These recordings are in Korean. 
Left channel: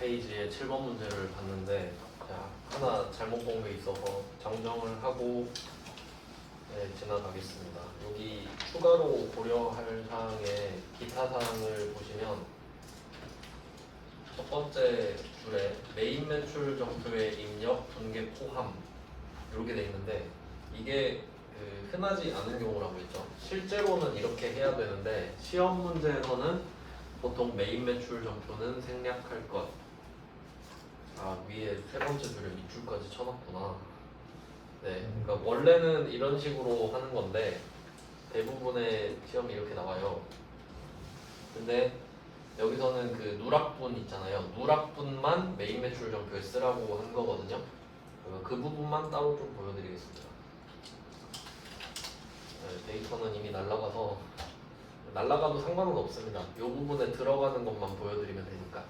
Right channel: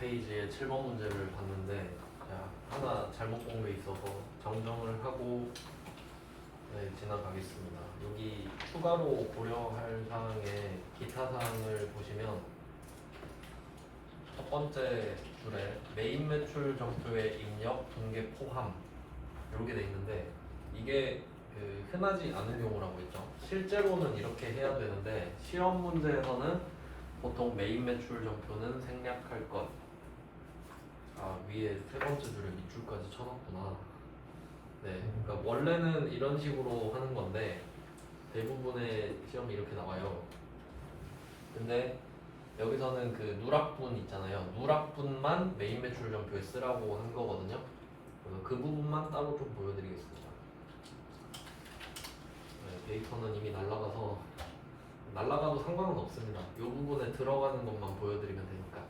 4페이지에 7번 문제를 봤는데 하나 잘못 본 게 있어서 정정을 하고 지나가겠습니다. 여기 추가로 고려할 사항의 기타 사항을 보시면 첫 번째 줄에 메인 매출 전표의 입력, 분계, 포함 이렇게 돼 있는데 이게 흔하지 않은 경우라고 했죠. 실제로는 이렇게 해야 되는데 시험 문제에서는 보통 메인 매출 전표는 생략할 것. 위에 세 번째 줄에 밑줄까지 쳐놨구나. 네, 그러니까 원래는 이런 식으로 하는 건데 대부분의 시험이 이렇게 나와요. 근데 여기서는 그 누락분 있잖아요. 누락분만 메인 매출 전표에 쓰라고 한 거거든요. 그 부분만 따로 좀 보여드리겠습니다. 데이터는 이미 날라가서 날라가도 상관은 없습니다. 이 부분에 들어가는 것만 보여드리면 되니까.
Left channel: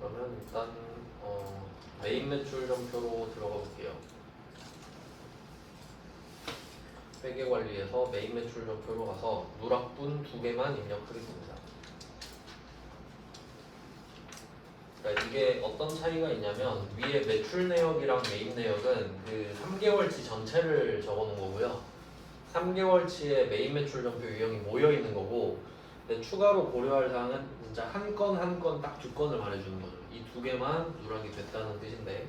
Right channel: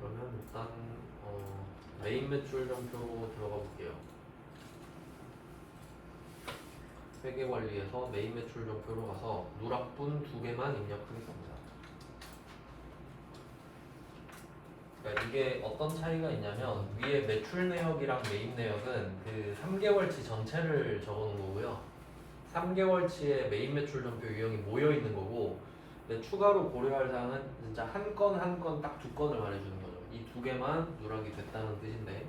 그러면 일단 메인 매출 전표로 들어가 볼게요. 회계 관리에서 메인 매출 전표로 가서 누락분 2개만 입력하겠습니다. 그러니까 이게 어떤 차이가 있냐면 위에 매출 내역이랑 메인 내역은 그 3개월치 전체를 적어 놓은 거고요. 3개월치의 메인 매출 전표 유형이 모여 있는 거고, 근데 추가로 고려할 사항은 진짜 한 건 한 건 딱 2건을 말해주는 거죠. 이 2개만 누락이 됐다는 뜻인데,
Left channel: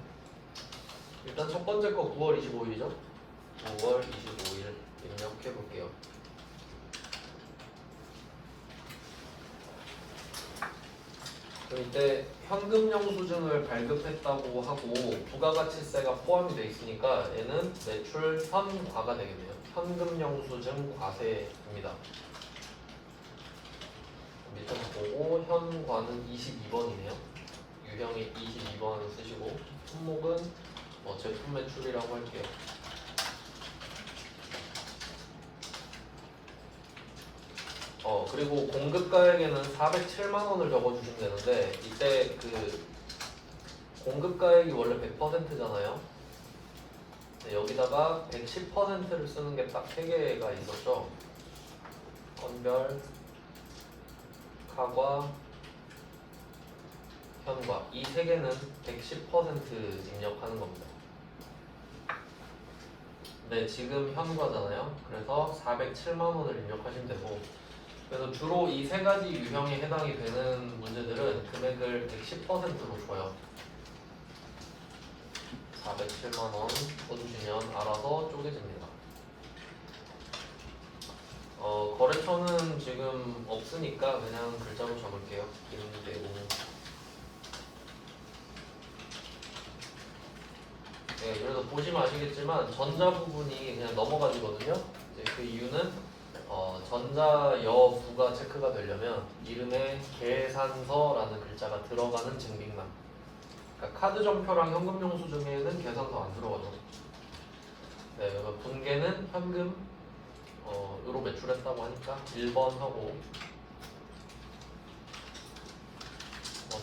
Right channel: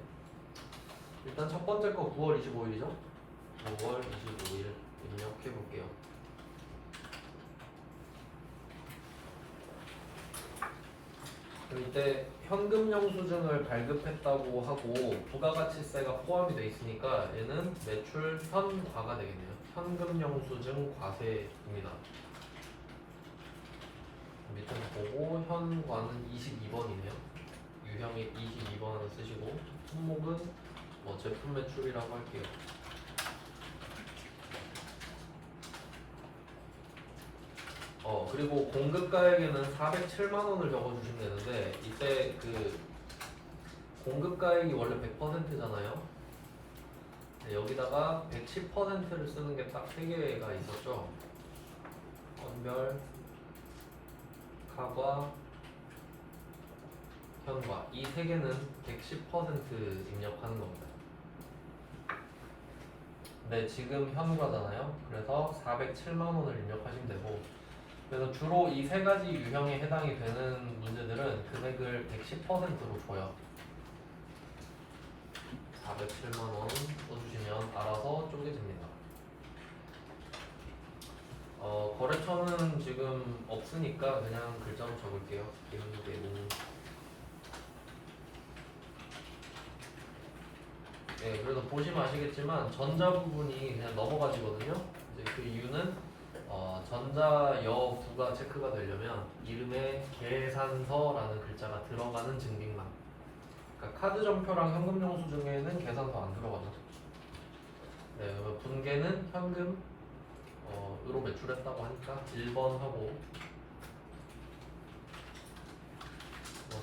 일단 첫 번째 거 9월 25일이죠. 9월 25일 입력해 볼게요. 이때 현금 영수증을 발급했다고 하고 부가가치세가 포함이 되어 있으니까 얘는 매출 현과가 되겠네요. 현금 영수증 과세입니다. 밑에서 보고 현과는 22번이네요. 유형이 22번 쓰시고 품목은 제품 매출이라고 할게요. 그리고 공급가액에는 407만 원을 적어주시면 되는데 이때 그 공급가액이 원래 100%잖아요. 여기다가 110%를 쓰는 게 딱 3개가 있었죠. 선별, 카과, 현과 이 3개는 110% 입력하는 겁니다. 네, 지금 현과잖아요. 그래서 407만 원을 입력하시면 되고, 그래서 주로 이 3가지 유형에 해당이 되는 문제들은 금액을 110%로 줘요. 407만 원 써주시면 알아서 쪼개집니다. 거래처는 지금 없으니까 그냥 글자로 적을게요. 김대웅. 네, 그래서 보시면 아시겠지만 전자 부분이 그냥 넘어가지거든요. 이제 그 이유는 전자여 부가 체크가 되려면 이름에 계산서라는 글자가 들어가는 증빙만. 그러니까 카드 전표랑 현금 영수증에는 계산서 안 들어가죠. 네, 분계는 현금 으로 매출했다고 하니까 1번 하고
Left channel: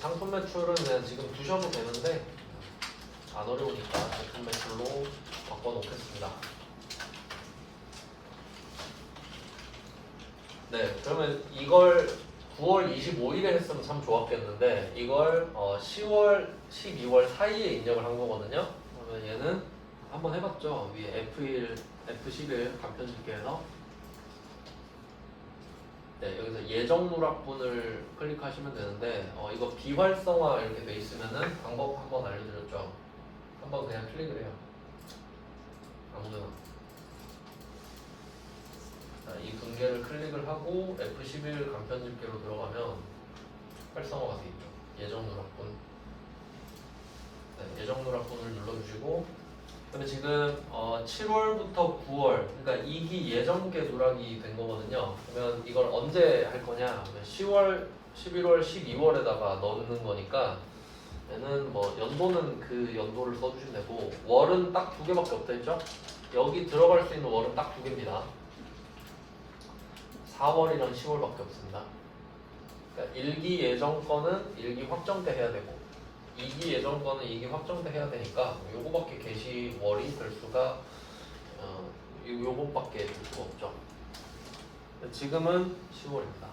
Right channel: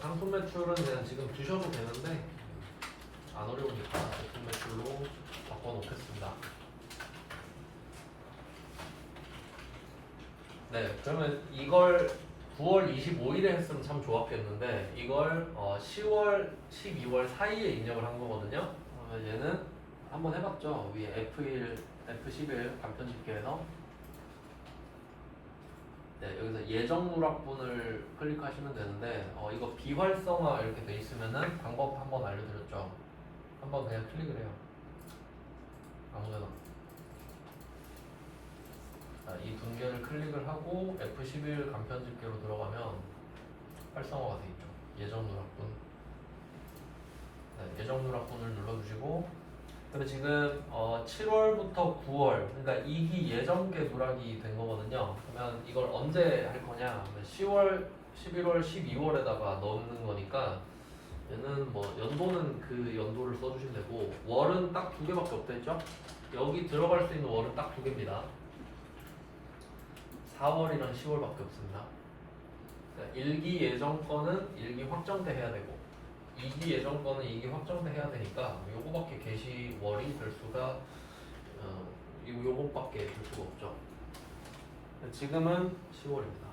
상품 매출은 그냥 지금 두셔도 되는데 안 어려우니까 제품 매출로 바꿔놓겠습니다. 네, 그러면 이걸 9월 25일에 했으면 참 좋았겠는데 이걸 10월, 12월 사이에 입력을 한 거거든요. 그러면 얘는 한번 해봤죠. 위에 F1, F11 간편 집계해서 네, 여기서 예정 누락분을 클릭하시면 되는데 이거 비활성화 이렇게 돼 있으면은 방법 한번 알려드렸죠. 한번 그냥 클릭을 해요. 아무데나. 자, 이 분계를 클릭을 하고 F11 간편 집계로 들어가면 활성화가 돼 있죠. 예정 누락분. 네, 예정 누락분을 눌러주시고. 근데 지금 7월부터 9월, 그러니까 2기 예정계 누락이 된 거거든요. 그러면 이걸 언제 할 거냐? 10월, 11월, 12월에다가 넣는 거니까 얘는 연도는 그 연도를 써주시면 되고 월은 딱 2개밖에 없댔죠? 여기 들어갈 수 있는 월은 딱 2개입니다. 4월이랑 10월밖에 없습니다. 그러니까 1기 예정 거는 1기 확정 때 해야 되고 2기 예정 거는 2기 확정 때 해야 되니까 요거밖에 게시월이 될 수가 요거밖에 될 수가 없죠. 지금은 10월입니다.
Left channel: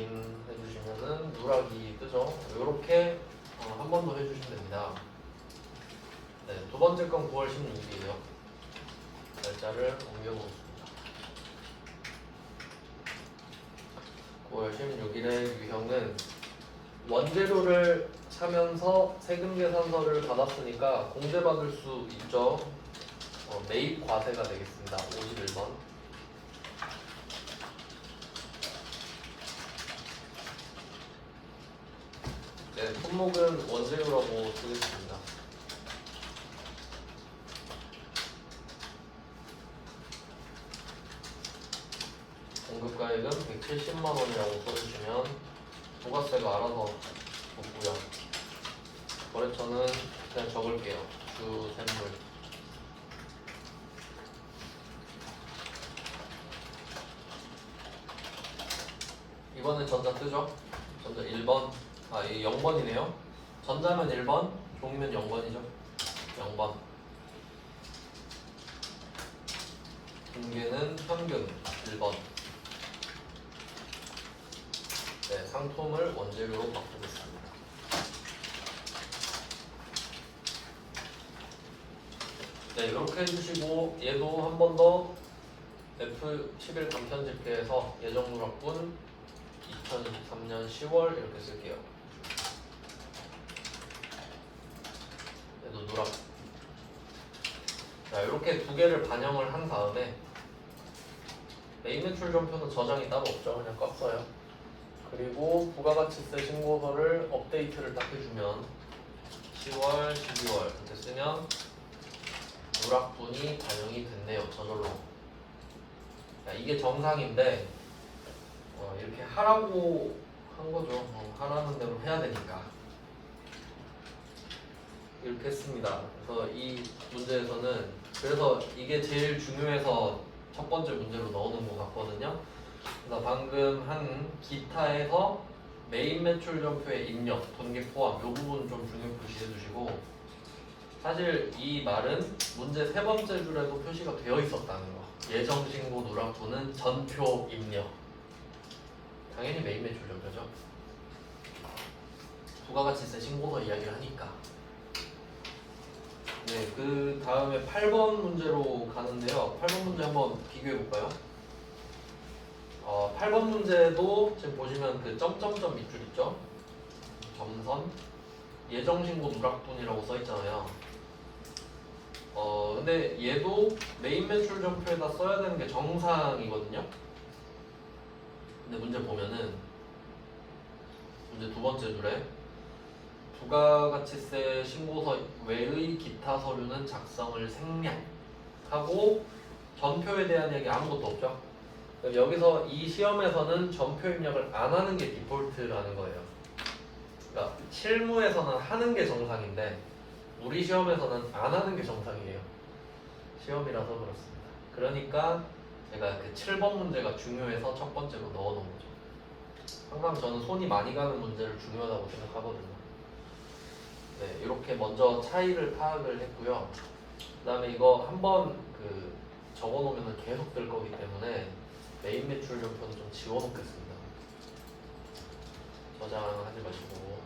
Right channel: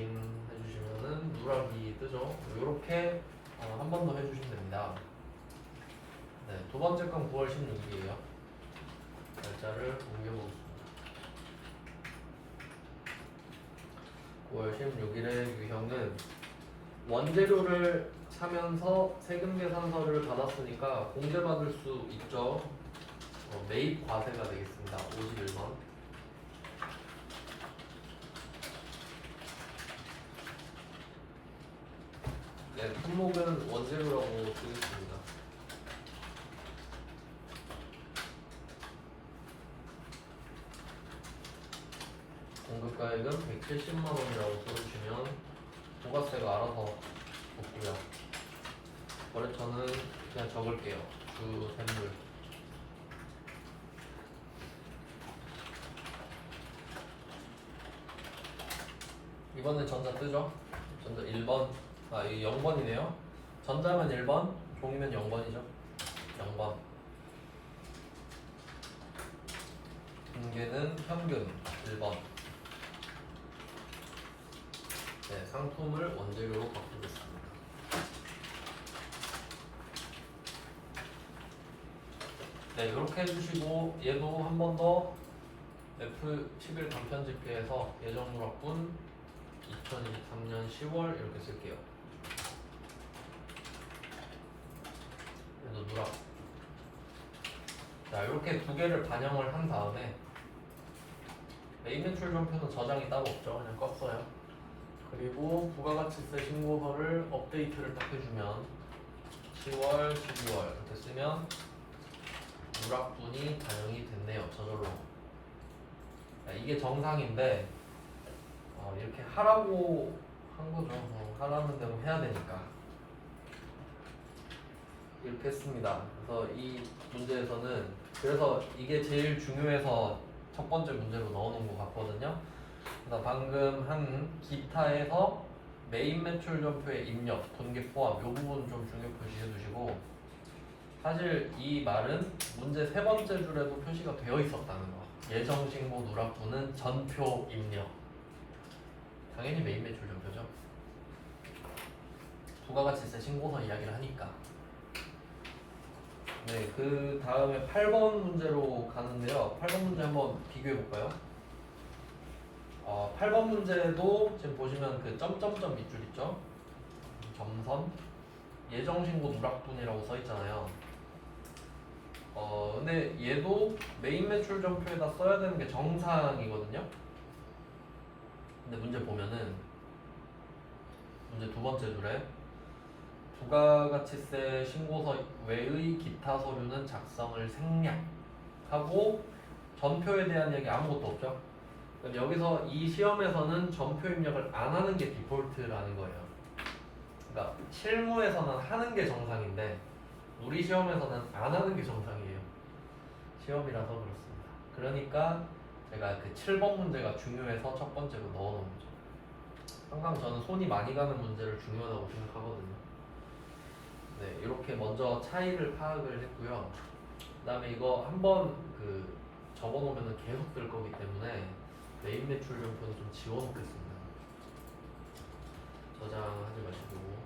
확인해 주시면은 누락이 뜨죠. 이렇게 한 번 더 해주시면 됩니다. 네, 두 번째 건 9월 16일이에요. 날짜를 옮겨보겠습니다. 9월 16일의 유형은 원재료를 사면서 세금 계산서를 받았으니까 공제받을 수 있죠. 매입 과세가 되겠습니다. 51번. 네, 품목은 원재료라고 쓰겠습니다. 공급가액은 170만 원이라고 써주시면 부가세가 알아서 붙고요. 거래처는 그냥 적을게요. 주 샘물. 이번엔 전자 뜨죠? 전자 1번. 이게 0번이네요. 전자면 1번, 종이면 0번이죠. 0번. 분계는 평균 1번. 네, 상품을 원재료로 바꾸겠습니다. 네, 이렇게 해주시고 얘도 한 번 더 F11 간편 집계해서 예정 누락분 2023년 10월 이렇게 쓸게요. 얘도 누락. 자, 이렇게 두 개를 반영을 한 다음에 메인 매출 전표는 저장이 따로 없죠. 그냥 껐어요. 그리고 부가가치세 신고서를 업데이트를 딱 해주면 10월, 12월 이렇게 쓰면 누락분이 반영이 됐네요. 저절로. 자, 이게 정상인데 이렇게 하라고 한 거죠. 하라는 대로 해야 되니까 이렇게 했습니다. 그래서 이 문제에서는 그래서 이게 제일 중요해서 첫 번째 문제로 넣어놓은 것 같거든요. 그래서 방금 한 기타에서 메인 매출 전표의 입력, 돈계 포함 이 부분 좀 중요 표시해 주시고 사실 이 말은 문제 세 번째 줄에도 표시가 되어 있었다는 거. 예정 신고 누락분은 전표 입력. 당연히 메인 매출 전표죠. 부가가치세 신고서 이야기를 하니까. 네, 그 다음에 8번 문제로 가는데요. 8번 문제 한번 비교해 볼까요? 8번 문제도 지금 보시면 그 점점점 밑줄 있죠? 점선 예정신고 누락분이라고 써 있잖아요. 근데 얘도 메인 매출 전표에다 써야 되는 게 정상이거든요. 근데 문제 보면은 문제 두 번째 줄에 부가가치세 신고서 외의 기타 서류는 작성을 생략하고 전표에 대한 얘기 아무것도 없죠. 그럼 여기서 이 시험에서는 전표 입력을 안 하는 게 디폴트라는 거예요. 그러니까 실무에서는 하는 게 정상인데 우리 시험에서는 안 하는 게 정상이에요. 시험이라서 그렇습니다. 그러니까 제가 그 7번 문제가 중요해서 첫 번째로 넣어놓은 거죠. 항상 저는 손이 많이 가는 문제를 중요하다고 생각하거든요. 네, 이렇게 먼저 차이를 파악을 했고요. 그 다음에 이거 한번 그 적어놓으면 계속 될 거기 때문에 메인 매출 전표는 좀 지워놓겠습니다. 저장하지 마시고.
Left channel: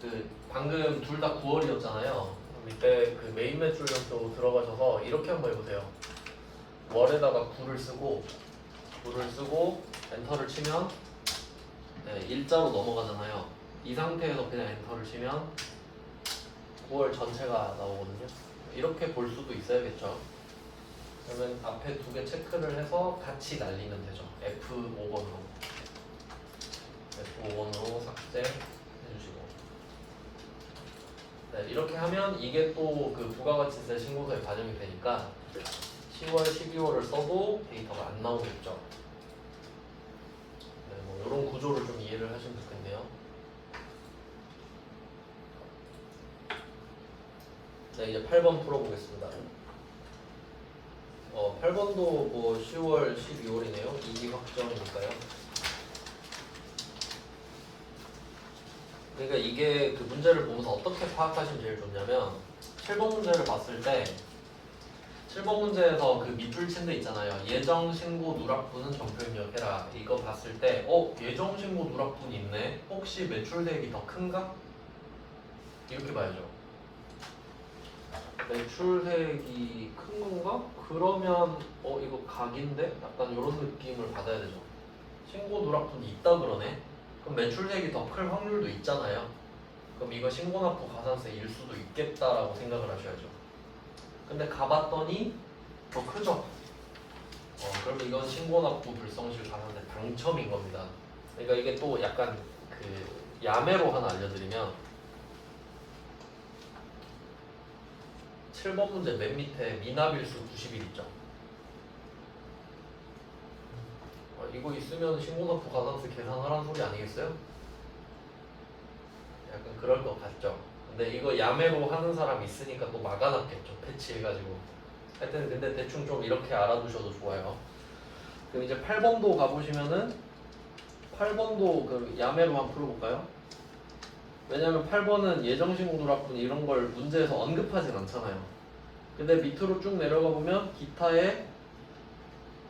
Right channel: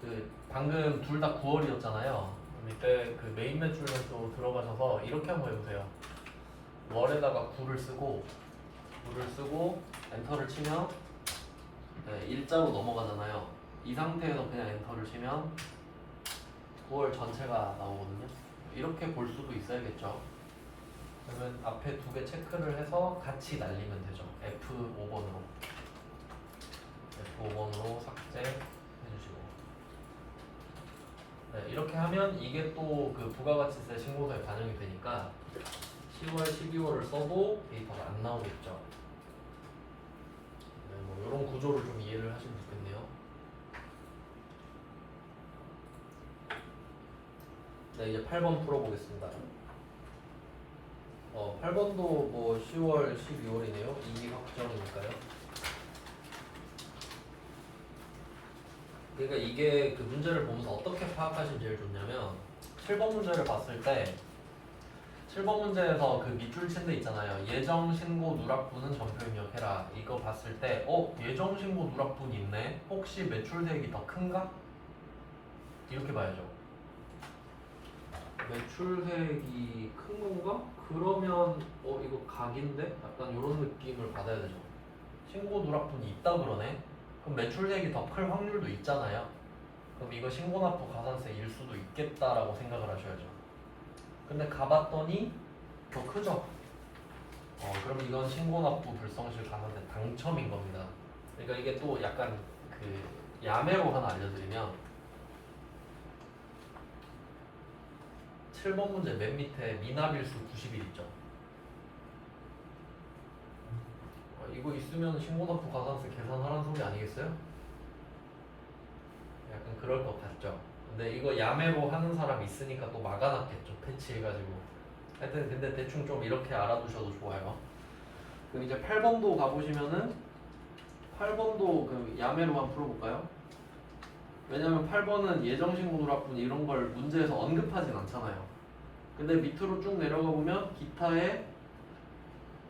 그 방금 둘 다 9월이었잖아요. 밑에 그 메인 매출 전표 들어가셔서 이렇게 한번 해보세요. 월에다가 9를 쓰고 엔터를 치면 네, 일자로 넘어가잖아요. 이 상태에서 그냥 엔터를 치면 9월 전체가 나오거든요. 이렇게 볼 수도 있어야겠죠. 그러면 앞에 두 개 체크를 해서 같이 날리면 되죠. F5번으로 삭제해주시고. 네, 이렇게 하면 이게 또 그 부가가치세 신고서에 반영이 되니까 10월, 12월을 써도 데이터가 안 나오겠죠. 네, 뭐 이런 구조를 좀 이해를 하시면 좋겠네요. 네, 이제 8번 풀어보겠습니다. 8번도 뭐 10월, 12월이네요. 이익 확정이니까요. 그러니까 이게 그 문제를 보면서 어떻게 파악하시면 제일 좋냐면 7번 문제를 봤을 때 7번 문제에서 그 밑줄 친 데 있잖아요. 예정 신고 누락분은 전표 입력해라. 이거 봤을 때 예정 신고 누락분이 있네. 혹시 매출대액이 더 큰가? 이렇게 봐야죠. 매출대액이 큰 건가? 그러면 이거 각인데? 약간 이런 느낌을 받아야 되죠. 신고 누락분이 있다 그러네. 그럼 매출대액이 더 클 확률도 있잖아요. 그럼 이거 신고납부 가산세일 수도 있겠다라고 생각을 하셔야죠. 근데 가봤더니 더 크죠? 그럼 이건 신고납부 불성실 가산세 당첨인 겁니다. 그러니까 이게 또 약간 그 야매로 하나 알려드리면 7번 문제 맨 밑에 미납일수 90일 있죠? 이거 있으면 신고납부 가산세 계산하라는 소리 아니겠어요? 약간 그럴 것 같죠? 근데 이거 야매로 하는 사람 있으니까 또 막아놨겠죠? 패치해가지고. 하여튼 근데 대충 좀 이렇게 알아두셔도 좋아요. 그럼 이제 8번도 가보시면은 8번도 그 야매로 한번 풀어볼까요? 왜냐면 8번은 예정신고 누락분 이런 걸 문제에서 언급하진 않잖아요. 근데 밑으로 쭉 내려가 보면 기타의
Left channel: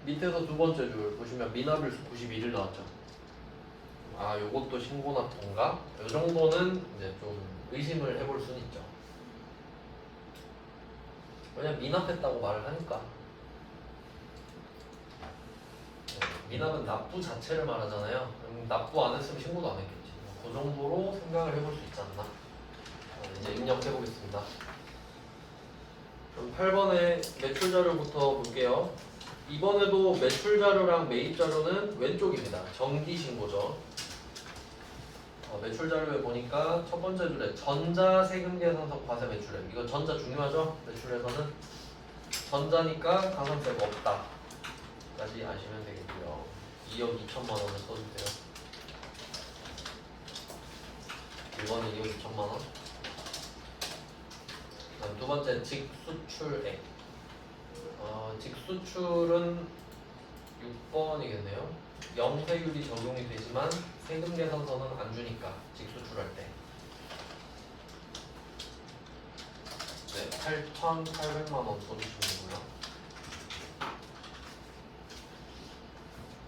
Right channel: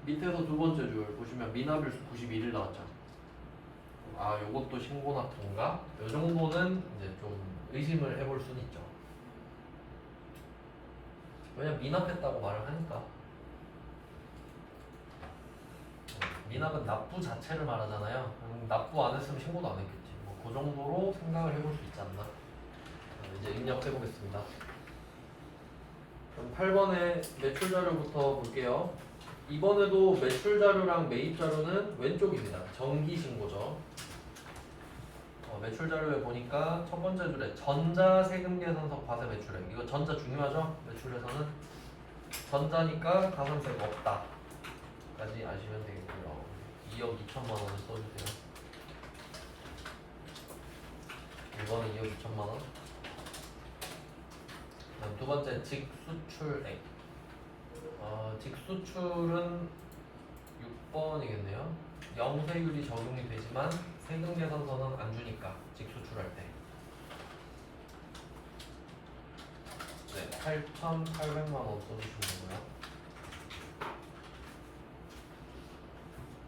밑에서 두 번째 줄 보시면 미납일수 91일 나왔죠. 아, 요것도 신고납부인가? 요 정도는 이제 좀 의심을 해볼 수는 있죠. 왜냐면 미납했다고 말을 하니까. 미납은 납부 자체를 말하잖아요. 납부 안 했으면 신고도 안 했겠지. 그 정도로 생각을 해볼 수 있지 않나. 이제 입력해 보겠습니다. 그럼 8번의 매출 자료부터 볼게요. 이번에도 매출 자료랑 매입 자료는 왼쪽입니다. 정기 신고죠. 매출 자료에 보니까 첫 번째 줄에 전자 세금 계산서 과세 매출액. 이거 전자 중요하죠? 매출에서는 전자니까 가산세가 없다. 까지 아시면 되겠고요. 2억 2천만 원을 써주세요. 이번에 2억 2천만 원. 그다음 두 번째 직수출액. 직수출은 6번이겠네요. 영세율이 적용이 되지만 세금 계산서는 안 주니까 직수출할 때. 네, 8,800만 원 써주시면 되고요.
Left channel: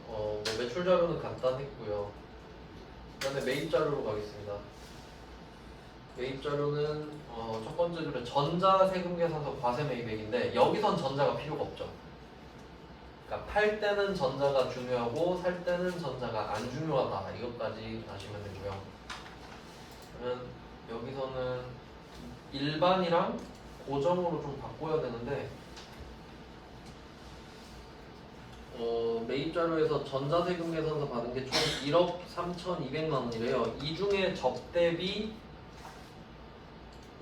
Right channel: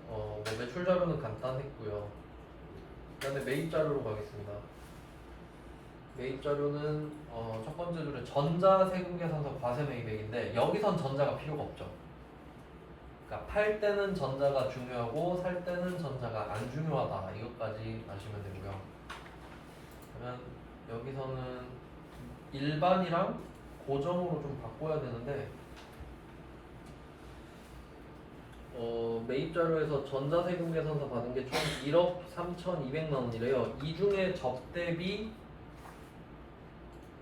뭐 매출 자료는 간단했고요. 그다음에 매입 자료로 가겠습니다. 매입 자료는 첫 번째 줄에 전자 세금 계산서 과세 매입액인데 여기선 전자가 필요가 없죠. 그러니까 팔 때는 전자가 중요하고 살 때는 전자가 안 중요하다. 이것까지 아시면 되고요. 그러면 여기서는 일반이랑 고정으로 좀 바꿔야 되는데 매입 자료에서 전자세금 계산서 받은 게 총 1억 3,200만 원이래요. 이 중에 접대비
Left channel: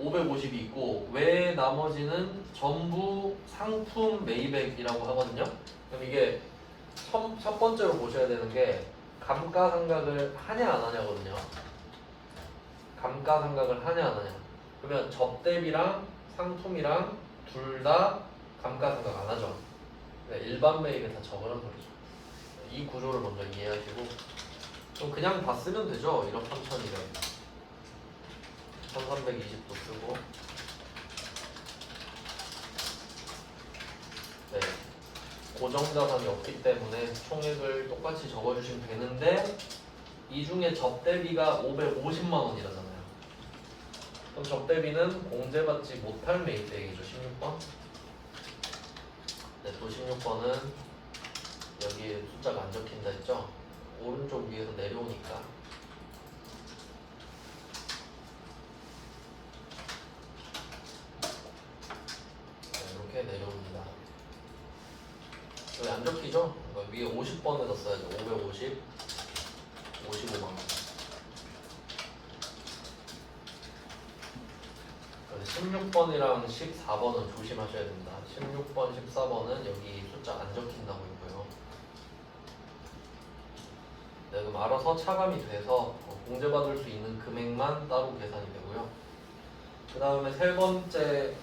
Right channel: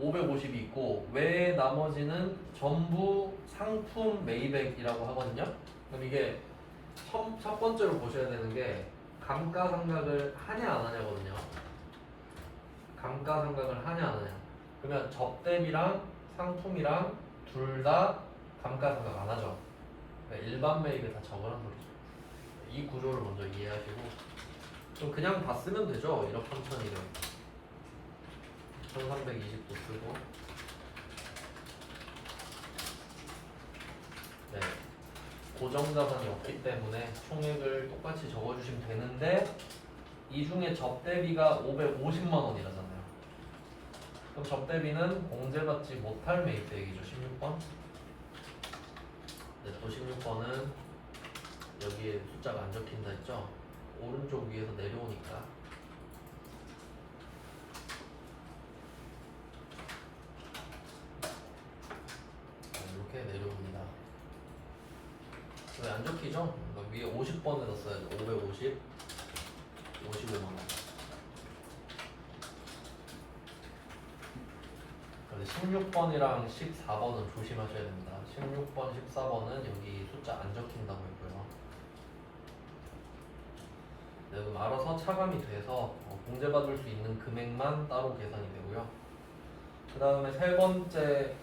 550이 있고 외 나머지는 전부 상품 매입액이라고 하거든요. 그럼 이게 첫 번째로 보셔야 되는 게 감가상각을 하냐 안 하냐거든요. 감가상각을 하냐 안 하냐. 그러면 접대비랑 상품이랑 둘 다 감가상각 안 하죠. 그러니까 일반 매입에 다 적으라는 소리죠. 이 구조를 먼저 이해하시고 그냥 다 쓰면 되죠. 1억 3천이면 1320도 쓰고 네, 고정자산이 없기 때문에 총액을 똑같이 적어주시면 되는데 이 중에 접대비가 550만 원이라잖아요. 그럼 접대비는 공제받지 못할 매입대액이죠. 16번. 네, 또 16번은 여기에 숫자가 안 적힌다 했죠? 오른쪽 위에서 내려오니까 이렇게 내려옵니다. 여기 안 적히죠? 위에 50번에다 써야죠. 550, 55만 원. 16번이랑 14번은 조심하셔야 됩니다. 16번, 14번은 여기 숫자 안 적힌다고 했고요. 네, 그럼 알아서 차감이 돼서 공제받을 수 있는 금액만 따로 계산이 되고요. 그 다음에 세 번째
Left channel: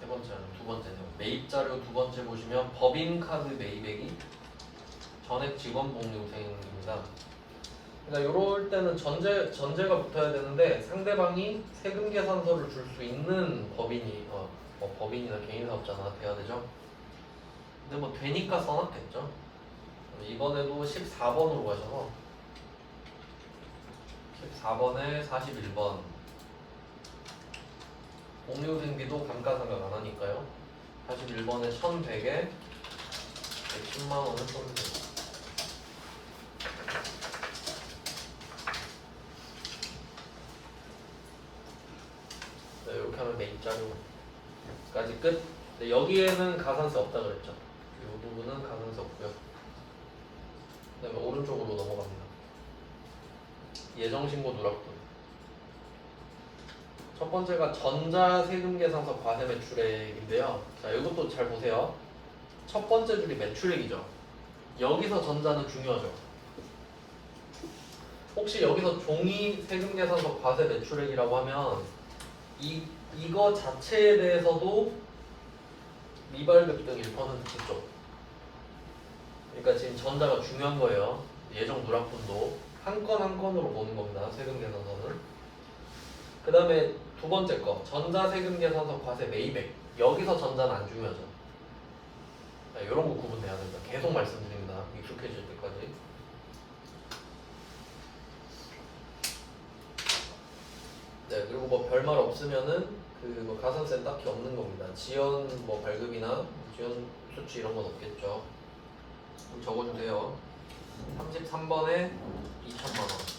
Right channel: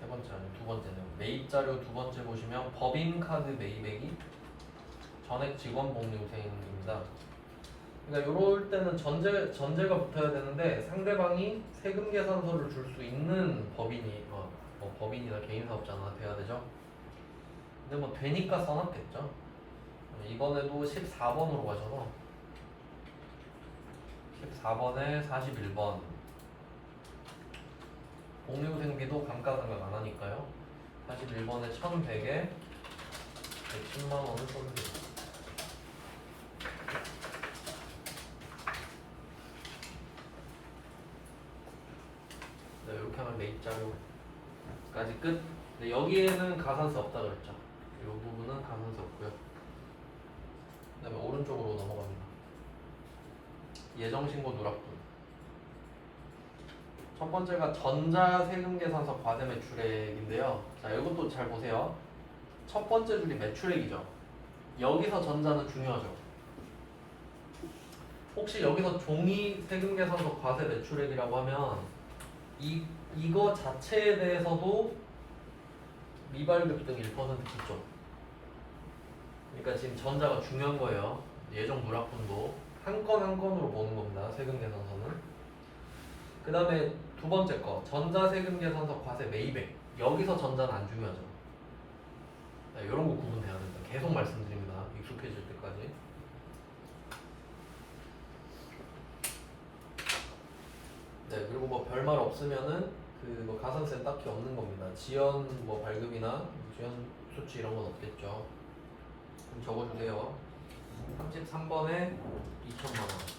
아니면 두 번째네요. 매입 자료 두 번째 보시면 법인카드 매입액이 전액 직원복리후생입니다. 그러니까 이럴 때는 전제가 붙어야 되는데 상대방이 세금 계산서를 줄 수 있는 법인이 뭐 법인이나 개인사업자나 돼야 되죠. 근데 뭐 되니까 써놨겠죠. 이번에도 14번으로 가셔서 14번에 41번 공유생비도 감가상각 안 하니까요. 41번에 1100에 110만원을 써주세요. 네, 이렇게 하면 매입자료까지 끝. 네, 여기에는 가산세 없다 그랬죠. 이 부분은 가산세 없고요. 그 다음에 오른쪽으로 넘어갑니다. 예정신고 누락분. 첫 번째가 전자세금계산서 과세매출액인데요. 자, 이것도 잘 보세요. 첫 번째 줄이 매출액이죠. 여기서 전자는 중요하죠. 혹시 여기서 종이 세금계산서 과세매출액이라고 하면 이거 자체에 대해서도 미발급등 1% 붙죠. 그러니까 지금 전자가 중요한 거예요. 예정 누락분도 한 건 한 건으로 보는 겁니다. 세금계산서는. 그 다음에 두 번째 거 전자세금계산서 과세 매입액. 여기서 전자는 안 중요하죠. 네, 이런 거 구분돼야 됩니다. 계속 말씀드립니다. 익숙해질 때까지. 네, 그리고 뭐 별말 없으면은 뭐 가산세는 딱히 없는 겁니다. 지연 뭐 발급이나 지연 수치 이런 건 없겠죠. 그럼 적어주세요. 33번에 2천만원.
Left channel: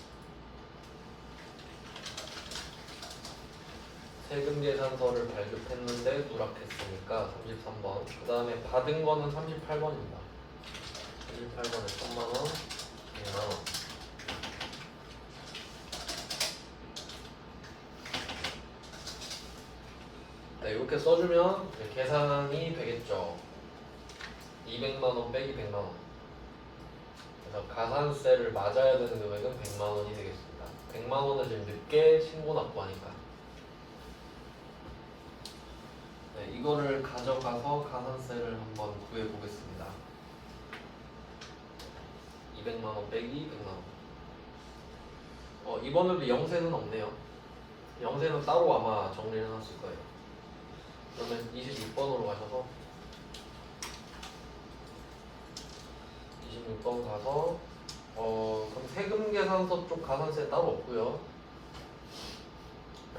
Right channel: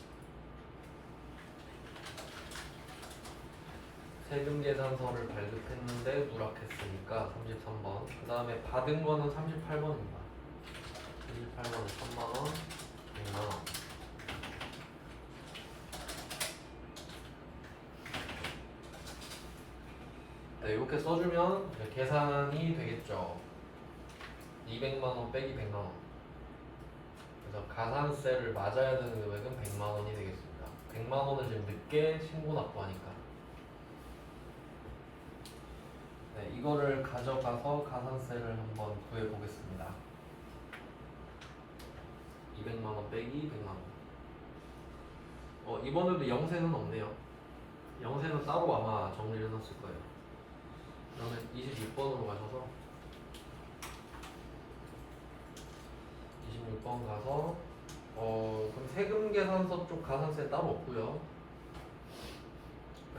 세금계산서를 발급했는데 누락했으니까 33번. 그 다음에 받은 거는 38번입니다. 38번에 1000만원, 100만원. 네, 이렇게 써주면 계산이 되겠죠. 200만원 빼기 100만원. 그래서 가산세를 맞아야 되는 금액은 100만원이 되겠습니다. 100만원은 지금 늦게 신고 납부하니까. 네, 이거를 가져가서 가산세를 한번 구해보겠습니다. 200만원 빼기 100만원. 이번에도 영세는 없네요. 영세는 따로 아마 정리를 해놨을 거예요. 그러면 26번으로 가셔서 26번 가서 그럼 세금계산서 쪽 가산세 따로 없고요.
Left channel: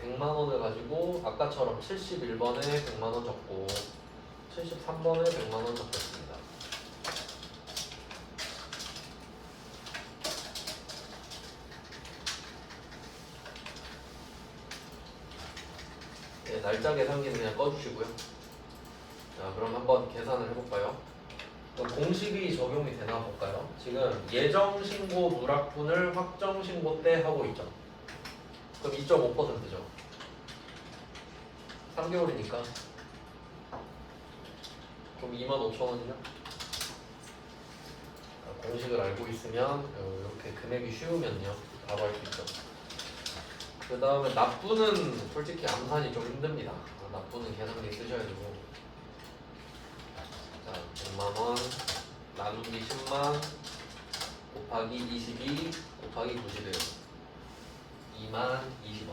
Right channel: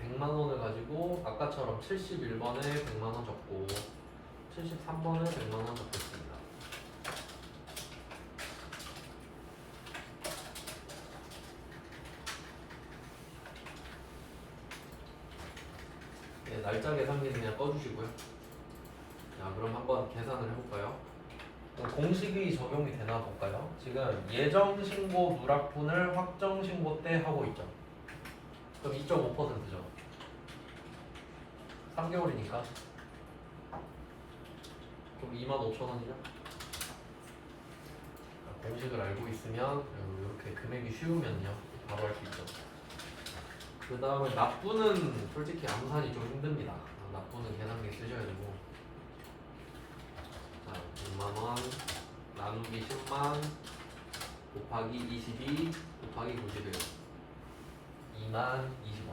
100만원을 가지고 아까처럼 71번에 100만원 적고 73번에 100만원 적겠습니다. 네, 날짜 계산기는 그냥 꺼주시고요. 자, 그럼 한번 계산을 해볼까요? 그럼 공식이 적용이 되나 볼까요? 지금 예정신고 누락분을 확정신고 때 하고 있죠. 그럼 2.5%죠. 3개월이니까. 그럼 25,000원이죠. 공식을 알고 있으면 이렇게 금액이 쉬우면요 바로 할 수 있죠. 그 다음에 납부는 솔직히 암산이 좀 힘듭니다. 납부는 계산기 쓰셔야 되고. 자, 100만원 나누기 10만 곱하기 22 곱하기 91 2만 20원.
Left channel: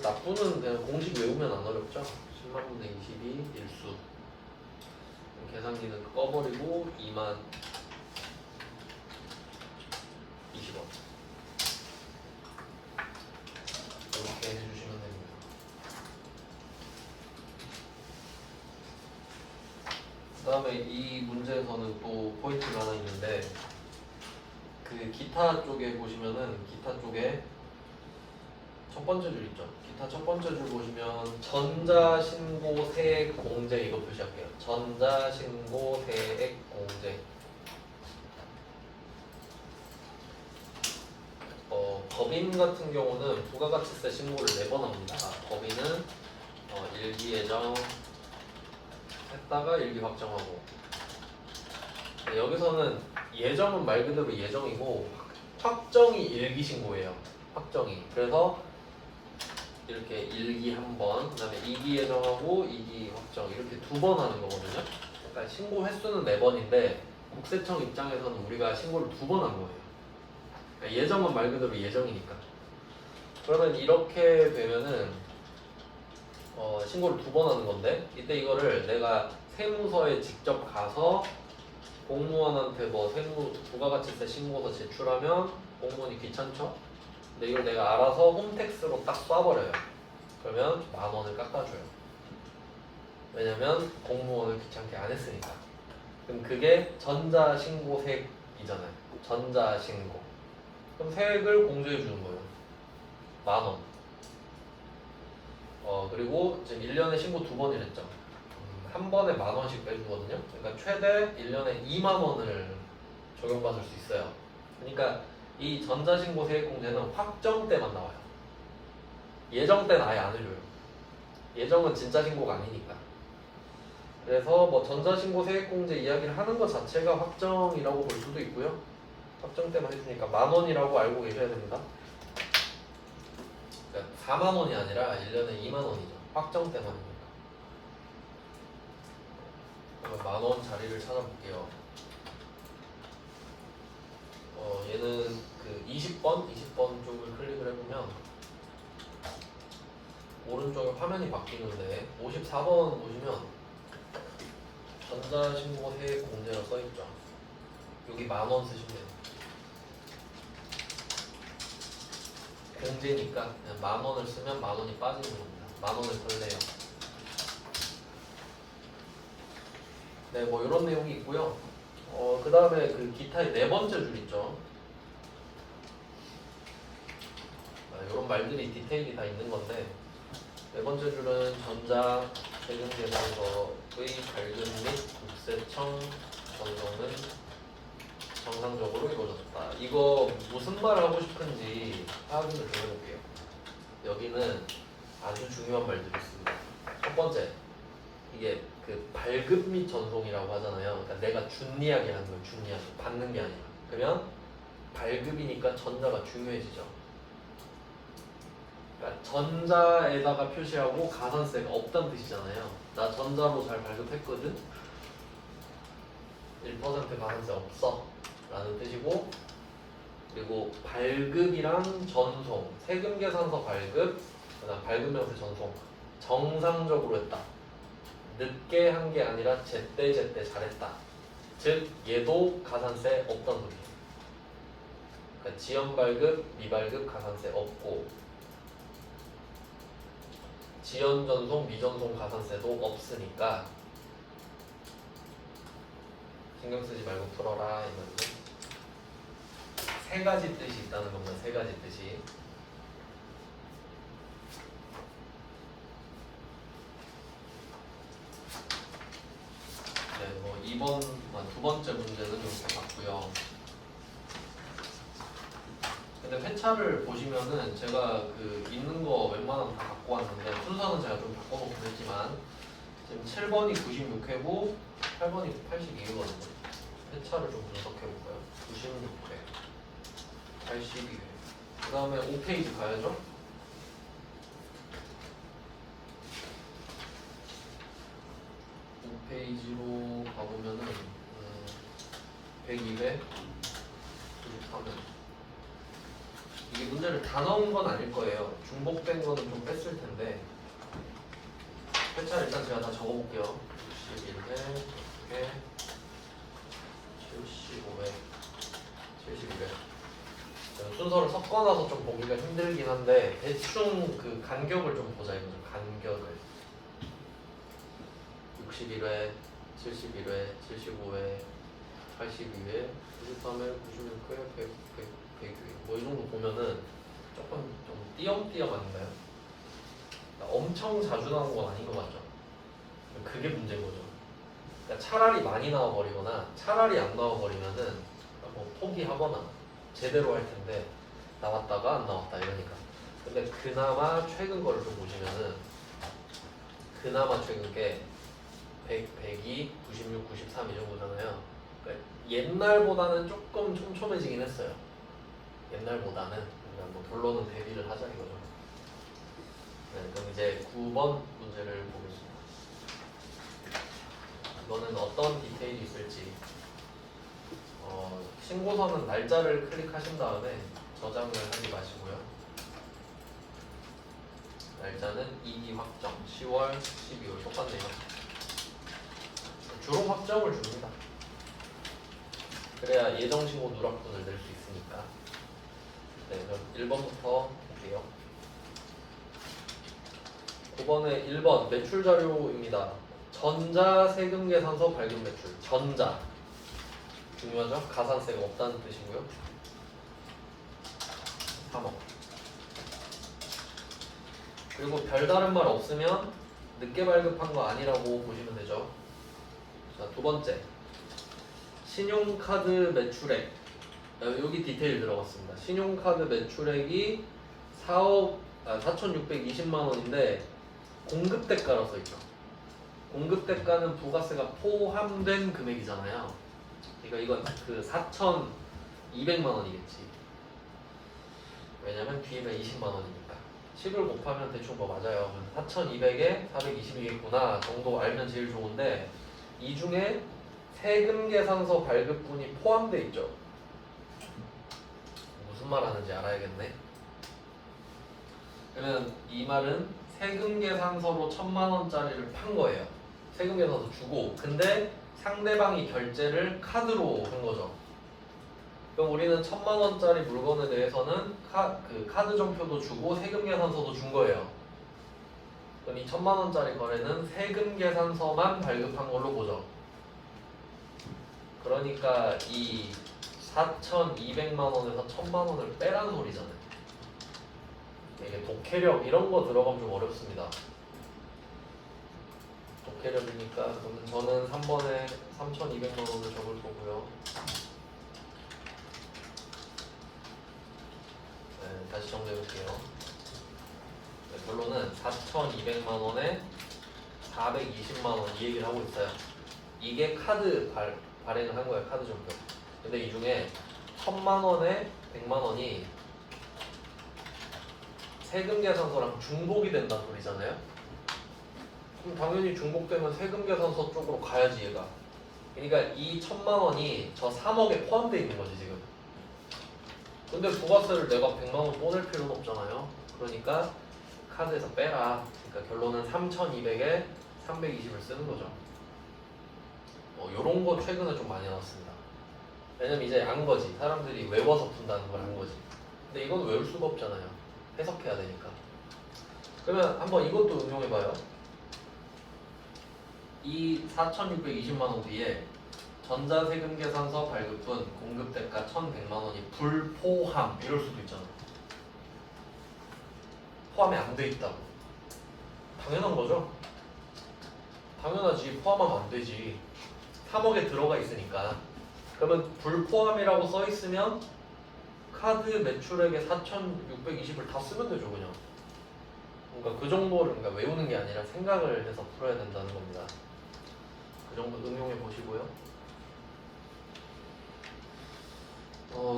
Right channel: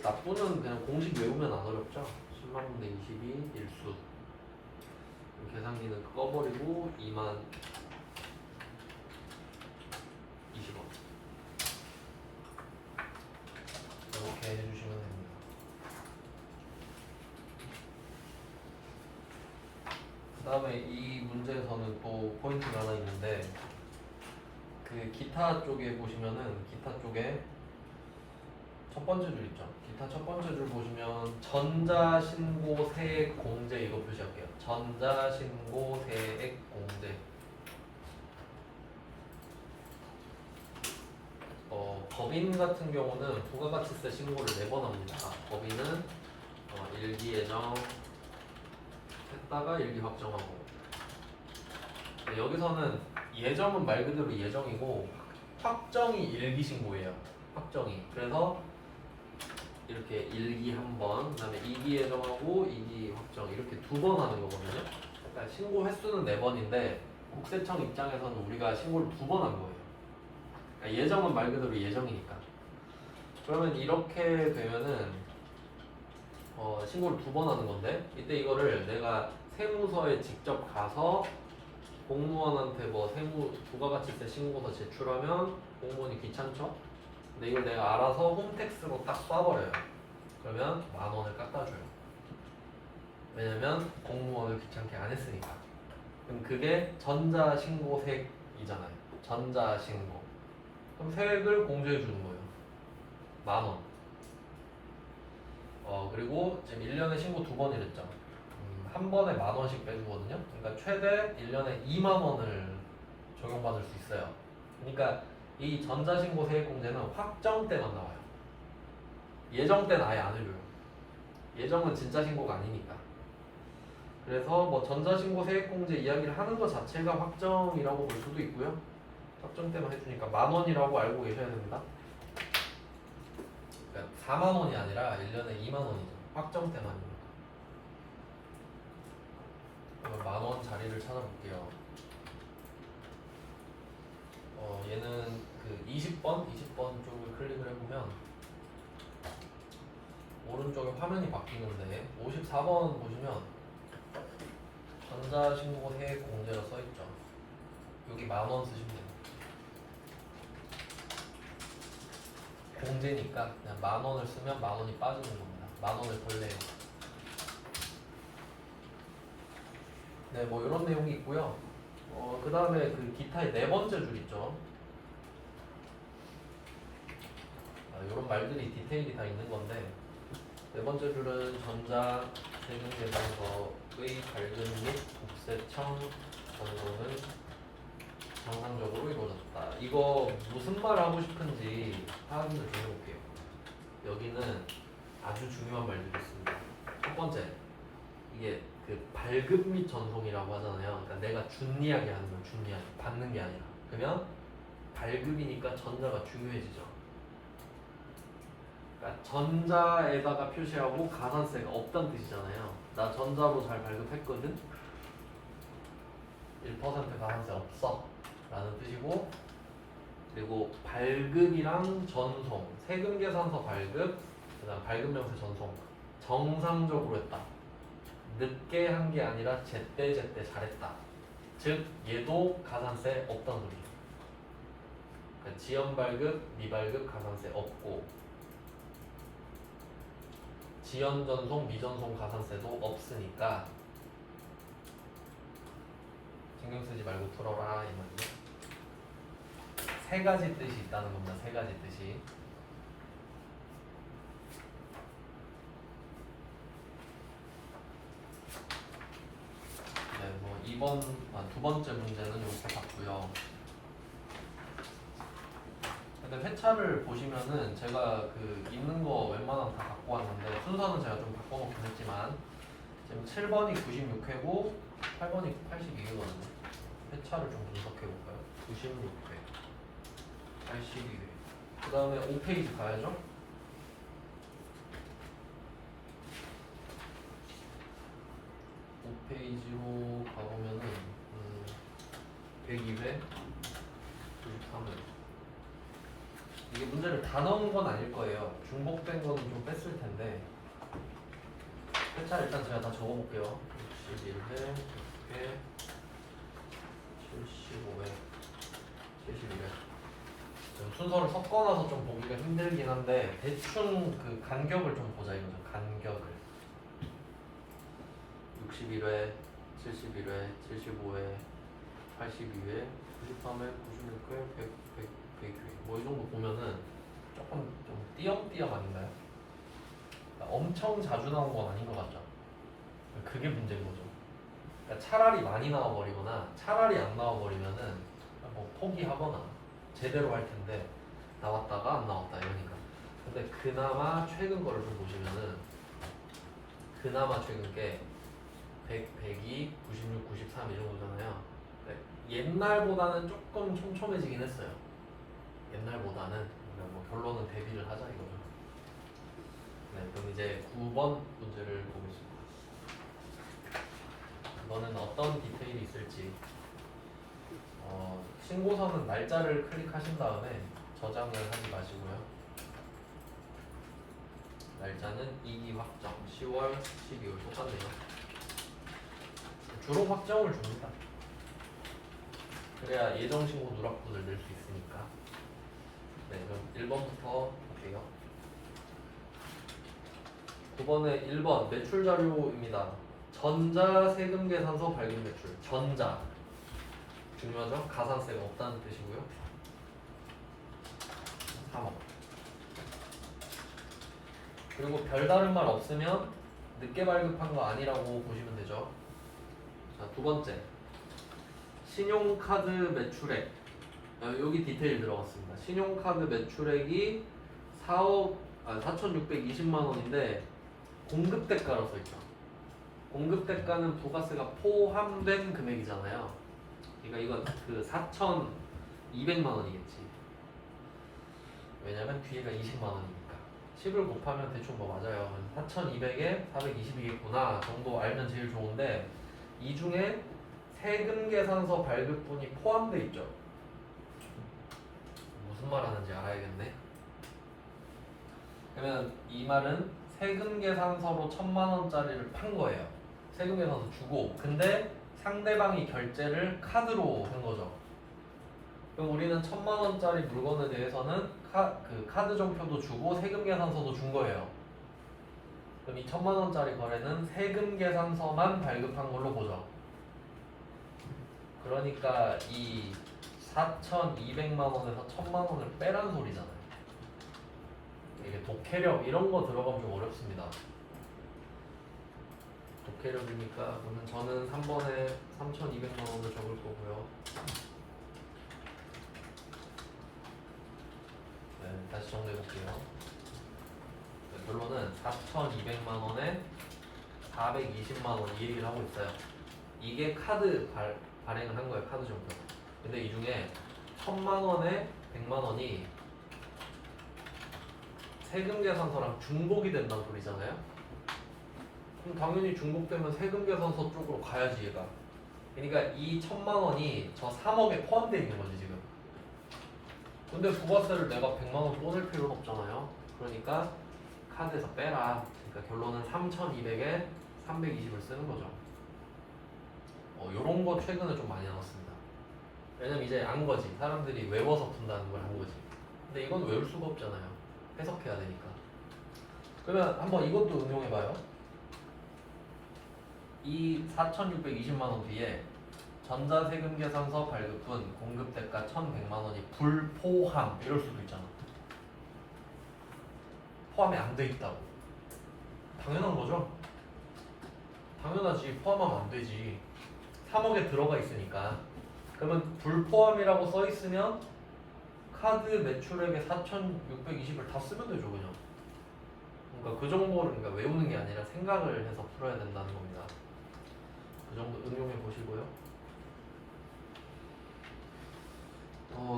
납부는 그냥 공식 외우면 안 어렵죠. 10만 분의 22 일수. 계산기는 꺼버리고 2만 20원. 이렇게 해주시면 됩니다. 그 다음에 이 문제에서는 또 포인트가 하나 있는데 그 기타 쪽에 보시면은 기타 쪽에 첫 번째 줄 있죠. 기타 첫 번째 줄 보시면 전자신고 세액 공제 이거 표시할게요. 전자신고 세액 공제. 법인 같은 경우는 부가가치세 신고를 4번 합니다. 법인은 일기 예정 했다가 일기 확정하고. 네, 여기서는 예정은 말 그대로 예정이고 확정이 일기 신고예요. 확정이. 그래서 이렇게 일기 한 번, 그다음에 2기 예정하고 2기 확정 이렇게 2번 하는 거거든요. 그러니까 신고 횟수는 4번인데 국세청 입장에서는 우리가 신고를 2번 한 거예요. 그러니까 예정은 말 그대로 예정이니까. 그러면 이렇게 되면은 신고를 2번 하는 건데 이때 이거를 내가 세무서에 직접 가서 공무원한테 뭐 세무 부가가치세 신고서 제출하면 공무원이 귀찮죠? 근데 이걸 내가 알아서 홈택스로 딱 쏴버려요. 그러면 10,000원을 깎아줘요. 왜냐면 공무원을 귀찮게 안 했으니까. 그럼 그게 전자신고세액이잖아요. 전자신고. 그럼 세액을 공제해 주는 거예요. 10,000원. 그리고 지금 1년에 신고 2번이랬죠. 한 번에 10,000원씩 빼주거든요. 그러니까 최대 1년에 20,000원을 적용받을 수 있어요. 그러니까 이 전자신고 세액공제는 확정 때만 나와요. 예정 때는 아예 안 해줘요. 예정은 진짜 신고가 아니니까. 그래서 뭐 전자신고 세액공제 이야기를 하는 것 자체가 확정이라고 볼 수도 있고요. 확정 때만 해주니까 10,000원이라고 알고 계셔야 됩니다. 그러니까 40,000원이 아니라 1년에 20,000원이죠. 확정 때만입니다. 그러면 10,000원 자리를 찾아볼게요. 얘는 그 20번 쪽을 클릭을 해보면 오른쪽에 화면이 바뀌는데 54번 보시면 전자신고 세액공제라 써있죠. 여기 10,000원 쓰시면 돼요. 공제니까 그냥 10,000원을 쓰면 10,000원이 빠지는 겁니다. 10,000원을 덜래요. 네, 뭐 이런 내용이 있고요. 그 다음에 그 기타의 4번째 줄 있죠. 이런 말들이 디테일이 다 있는 건데 4번째 줄은 전자 세금계산서의 발급 및 국세청 전송은 정상적으로 이루어졌다. 이거 무슨 말을 하고 싶은지 확인을 좀 해볼게요. 여기는 아주 중요한 말들이 있습니다. 첫 번째, 이게 그 발급 및 전송이라고 하잖아요. 그러니까 내가 준 이야기 하는 거예요. 준 이야기, 받는 게 아니라. 그러면 발급이니까 전자가 중요해지죠. 그러니까 전자에다가 표시하고 가산세가 없다는 뜻이잖아요. 나 전자로 잘 발급했거든. 1% 가산세 없어 라는 뜻이고, 그리고 발급이랑 전송, 세금계산서 발급, 그다음 발급명세 전송 정상적으로 했다. 늦게 한 게 아니라 제때 잘했다. 즉 얘도 가산세 없다는 소리예요. 그러니까 지연 발급, 미발급 가산세 없고 지연 전송, 미전송 가산세도 없으니까 신경 쓰지 말고 풀어라 이거죠. 세 가지 뜻이 있다는 겁니다. 세 가지 뜻이. 네, 뭐 2번, 2번째 문제는 이렇게 봤고요. 근데 회차를 보시면은 제가 그 있는 거 웬만하면 다 갖고 왔는데 순서는 제가 좀 바꿔놓긴 했지만 지금 7번이 96회고 8번이 82회거든요. 회차를 좀 분석해 볼까요? 96회, 82회. 그 다음에 5페이지 가야죠. 5페이지로 가보면은 102회, 93회. 이게 문제를 다 넣은 건 아닐 거예요. 중복된 거는 좀 뺐을 텐데. 회차 일단 제가 다 적어볼게요. 61회, 100회, 75회, 71회. 순서를 섞어놔서 좀 보기가 힘들긴 한데 대충 그 간격을 좀 보자 이거죠. 간격을 61회, 71회, 75회, 82회, 93회, 96회, 100회 뭐 이 정도 보면은 조금 좀 띄엄띄엄 아닌가요? 그러니까 엄청 자주 나온 건 아닌 것 같죠? 그게 문제인 거죠. 그러니까 차라리 많이 나와버리거나 차라리 안 나와버리면은 뭐 포기하거나 제대로 할 텐데 나왔다가 안 나왔다 이러니까. 근데 그나마 최근 거를 좀 보시면은 그나마 최근 게 100, 102, 96, 93 이 정도잖아요. 그러니까 옛날보다는 조금 촘촘해지긴 했어요. 옛날보다는. 그러니까 뭐 결론은 대비를 하자 이거죠. 네, 그럼 이제 9번 문제를 보겠습니다. 이거는 어떤 디테일이 있을지 신고서는 날짜를 클릭하신 다음에 저장을 하지 마시고요. 날짜는 2기 확정 10월 12월 똑같네요. 주로 확정을 줍니다. 그래야 예정신고 누락분을 낼 수 있으니까. 네, 그럼 1번부터 볼게요. 9번에 1번 매출 자료입니다. 전자세금계산서 발급 매출. 전자 중요하죠? 가산세가 없다는 뜻이고요. 3억. 그리고 별다른 말 없으면 늦게 발급한 거 아니라고 보시면 되죠. 자, 두 번째 신용카드 매출액. 여기 디테일 들어갔습니다. 신용카드 매출액이 4,620만 원인데 공급대가로 써있죠. 공급대가는 부가세가 포함된 금액이잖아요. 그러니까 이건 그 4,200만 원이겠지. 왜냐면 뒤에가 20만 원이니까. 10을 곱하면 대충 뭐 맞아요. 4,200에 420이겠구나 정도 알면 제일 좋은데 이 중에 세금계산서 발급분이 포함되어 있죠. 무슨 말 하는지 알아야겠네. 그러면 이 말은 세금계산서로 1,000만 원짜리를 판 거예요. 세금계산서 주고. 근데 상대방이 결제를 카드로 한 거죠. 그럼 우리는 1,000만 원짜리 물건에 대해서는 카드 정표도 주고 세금계산서도 준 거예요. 그럼 이 1,000만 원짜리 거래는 세금계산서만 발급한 걸로 보죠. 그러니까 이 4,200만 원에서 1,000만 원을 빼라는 소리잖아요. 이게 독해력 이런 거 들어가면 좀 어렵습니다. 독해력이니까 저는 3번에 3,200만 원을 적을 거고요. 네, 다시 정리해 볼게요. 네, 결론은 4,200만 원에 420만 원 이 얘기를 하고 있어요. 이게 카드 발행을 한 거예요. 카드 정표. 근데 이 중에 1,000만 원에 100만 원이 세금계산서랑 중복이 된다는 소리잖아요. 그럼 당연히 중복되면 세금계산서 쪽으로 가야지 얘가. 그러니까 이 1,000만 원이 저 3억에 포함되어 있는 거지 지금. 근데 부가세를 내가 100만 원 또 낼 필요는 없잖아요. 그러니까 카드에서 빼라. 그러니까 결론은 3,200에 320을 쓰는 거죠. 요런 거 최근에 좀 많이 나왔습니다. 왜냐면 이제 안 거지. 사람들이 외워서 푼다는 걸 안 거지. 근데 이건 외울 수가 없잖아요. 해석해야 되니까. 그러면 한번 이것도 응용해봐요. 이 4,620만 원 뒤에 전자세금계산서 발급분 공급대가 1,100만 원이 불포함 이럴 수도 있잖아. 포함이 안 돼 있다고. 당연한 거죠? 당연하지. 포함하면 안 되지. 3억에 들어가 있으니까. 그러면 불포함이라고 써 있으면 카드 매출액의 4,620을 다 쓰면 되죠 그냥. 그러니까 그 정도를 그러니까 외우는 게 아니라 생각을 해서 풀어야 된다는 겁니다. 그 정도 응용해 보시고요.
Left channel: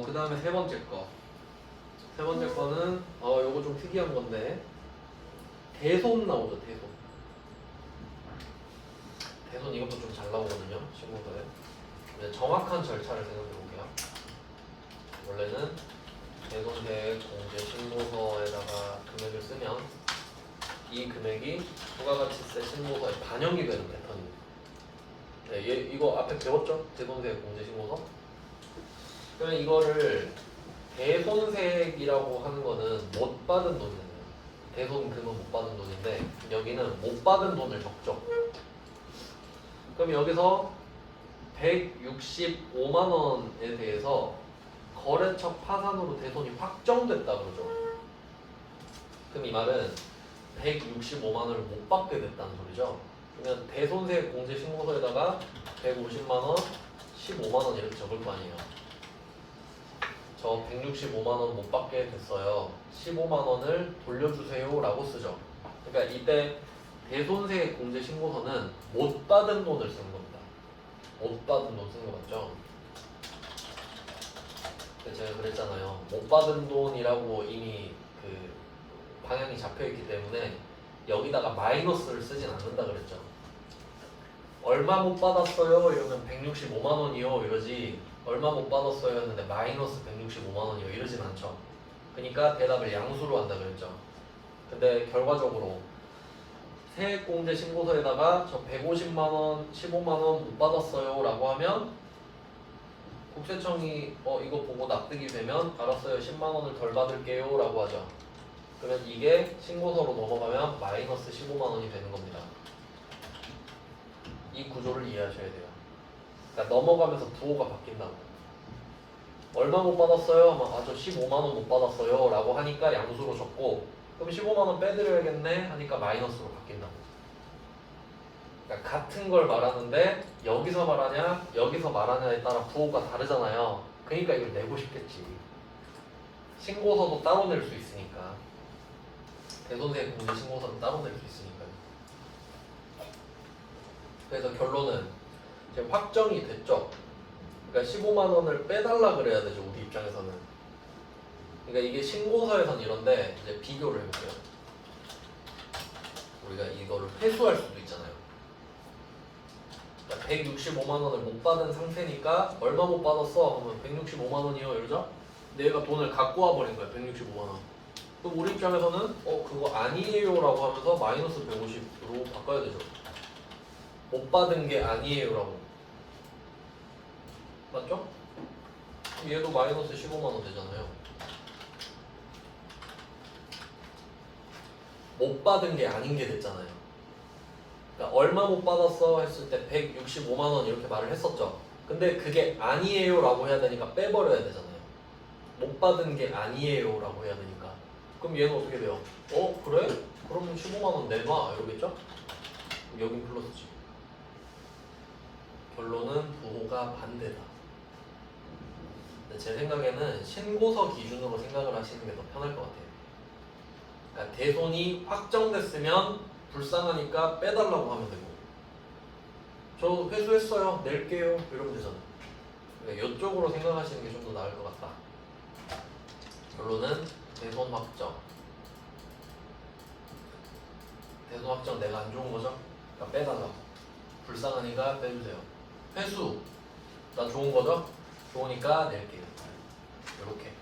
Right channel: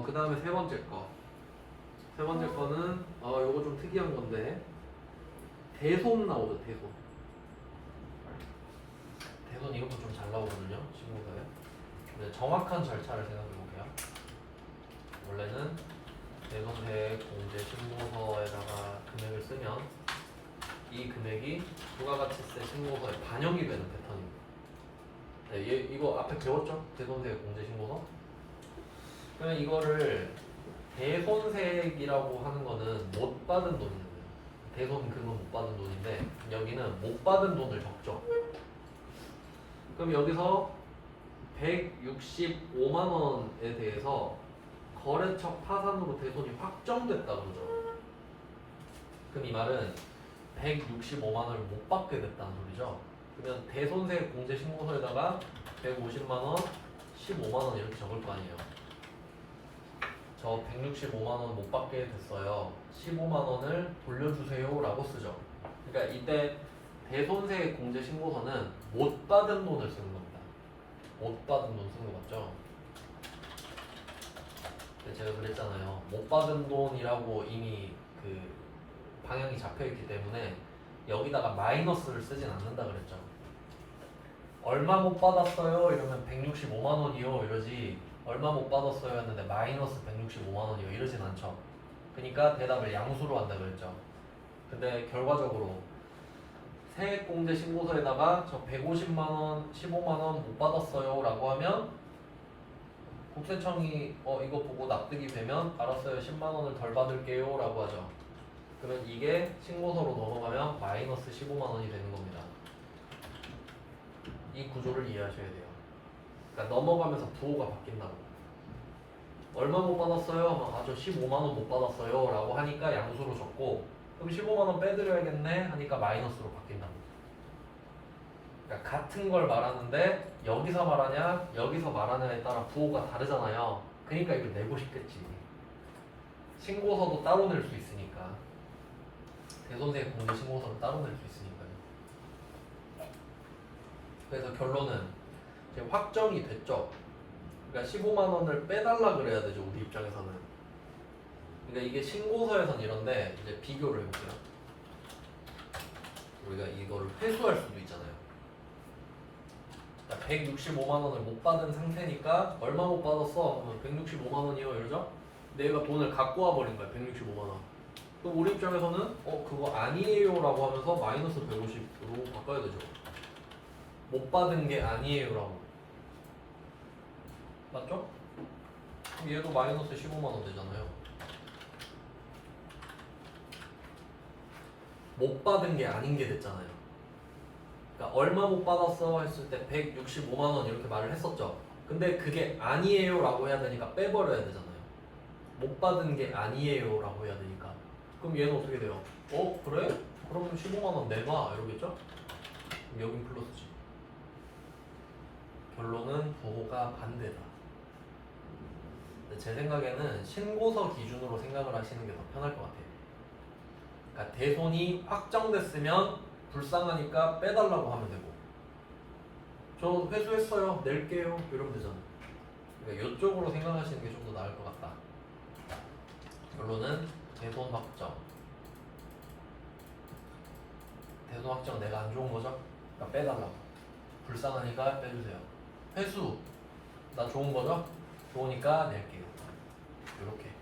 그 다음에 세 번째 거. 세 번째 거는 요거 좀 특이한 건데 대손 나오죠. 대손. 대손 이것도 좀 잘 나오거든요. 신고서에. 근데 정확한 절차를 생각해 볼게요. 원래는 대손세 공제 신고서에다가 금액을 쓰면 이 금액이 부가가치세 신고서에 반영이 되는 패턴입니다. 네, 이거 앞에 배웠죠? 대손세 공제 신고서. 그러면 이거를 대손세액이라고 하는 거는 못 받은 돈이에요. 대손금은 못 받은 돈인데 여기는 못 받은 돈을 적죠. 그럼 여기서 165만 원에 대해서 거래처 파산으로 대손이 확정됐다 그러죠. 그럼 이 말은 165만 원을 못 받게 됐다는 소리죠. 그러면 대손세 공제 신고서에다가 150만 원, 15만 원 이렇게 적을 거 아니에요. 저 165만 원 못 받게 됐어요. 15만 원을 돌려주세요 라고 쓰죠. 그러니까 이때 대손세 공제 신고서는 못 받은 돈을 쓰는 겁니다. 못 받은 돈 쓴 거 맞죠? 제가 그랬잖아요. 못 받은 돈이라고 이미 그 방향이 잡혀있기 때문에 여기다가 마이너스를 쓰진 않는다 그랬죠. 얼마 못 받았어요? 이러면 165만 원이요 이러지. 얼마 못 받았어요 했는데 마이너스 165만 원이요 이러진 않죠. 그러니까 대답을 양수로 한다 그랬죠. 근데 결과적으로 세액공제 신고서에다가 저 150만 원, 15만 원 못 받았어요 라고 하면 국세청이 이거 보고 납득이 되면 알았어요 10만 원을 덜 받을게요 라고 하죠. 그러면 이게 신고서로 넘어가면 마이너스 15만 원이 되는 겁니다. 이 구조를 이해하셔야 돼요. 그러니까 넘어가면서 부호가 바뀐다고. 얼마 못 받았어요? 하면 저 15만 원 못 받았어요 라고 하니까 양수로 적고 그럼 15만 원 빼드려야겠네 하니까 마이너스로 바뀐다고. 그러니까 같은 걸 말하는데 여기서 말하냐 여기서 말하냐에 따라 부호가 다르잖아요. 그러니까 이걸 내고 싶겠지. 신고서도 따로 낼 수 있으니까. 대손세 공제 신고서는 따로 낼 수 있으니까요. 그래서 결론은 지금 확정이 됐죠. 그러니까 15만 원을 빼달라 그래야 되죠. 우리 입장에서는. 그러니까 이게 신고서에선 이런데 이제 비교를 해볼게요. 우리가 이거를 회수할 수도 있잖아요. 165만 원을 못 받은 상태니까 얼마 못 받았어? 그러면 165만 원이요 이러죠? 근데 얘가 돈을 갖고 와버린 거야 165만 원. 그럼 우리 입장에서는 그거 아니에요 라고 하면서 마이너스 150으로 바꿔야 되죠. 못 받은 게 아니에요 라고. 맞죠? 그럼 얘도 마이너스 15만 원 되잖아요. 못 받은 게 아닌 게 됐잖아요. 그러니까 얼마 못 받았어 했을 때 165만 원 이렇게 말을 했었죠. 근데 그게 아니에요 라고 해야 되니까 빼버려야 되잖아요. 못 받은 게 아니에요 라고 해야 되니까. 그럼 얘는 어떻게 돼요? 그래? 그러면 15만 원 내놔 이러겠죠? 그럼 여긴 플러스지. 결론은 부호가 반대다. 제 생각에는 신고서 기준으로 생각을 하시는 게 더 편할 것 같아요. 그러니까 대손이 확정됐으면 불쌍하니까 빼달라고 하면 되고 저 회수했어요 낼게요 이러면 되잖아요. 그러니까 이쪽으로 생각하시는 게 좀 더 나을 것 같다. 결론은 대손 확정. 대손 확정 내가 안 좋은 거죠? 그러니까 빼달라고. 불쌍하니까 빼주세요. 회수 나 좋은 거죠? 좋으니까 낼게요. 이렇게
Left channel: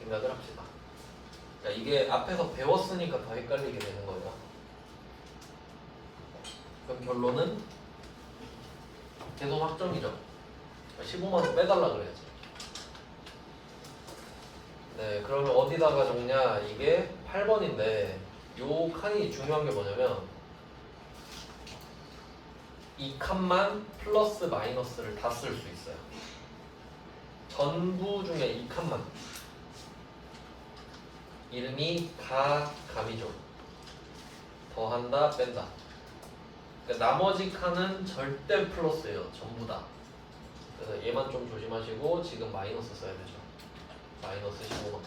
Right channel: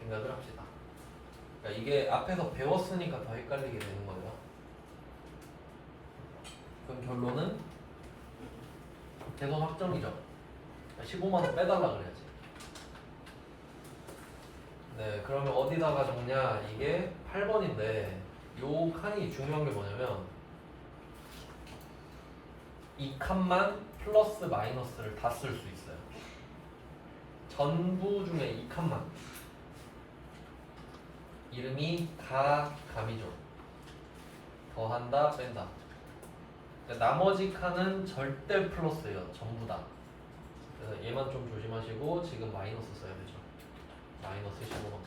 생각을 합시다. 그러니까 이게 앞에서 배웠으니까 더 헷갈리게 되는 거예요. 그럼 결론은 대손 확정이죠. 15만 원 빼달라 그래야지. 네, 그러면 어디다가 적냐? 이게 8번인데 요 칸이 중요한 게 뭐냐면 이 칸만 플러스 마이너스를 다 쓸 수 있어요. 전부 중에 이 칸만. 이름이 다 감이죠. 더한다, 뺀다. 그러니까 나머지 칸은 절대 플러스예요. 전부 다. 그래서 얘만 좀 조심하시고 지금 마이너스 써야 되죠. 마이너스 15만.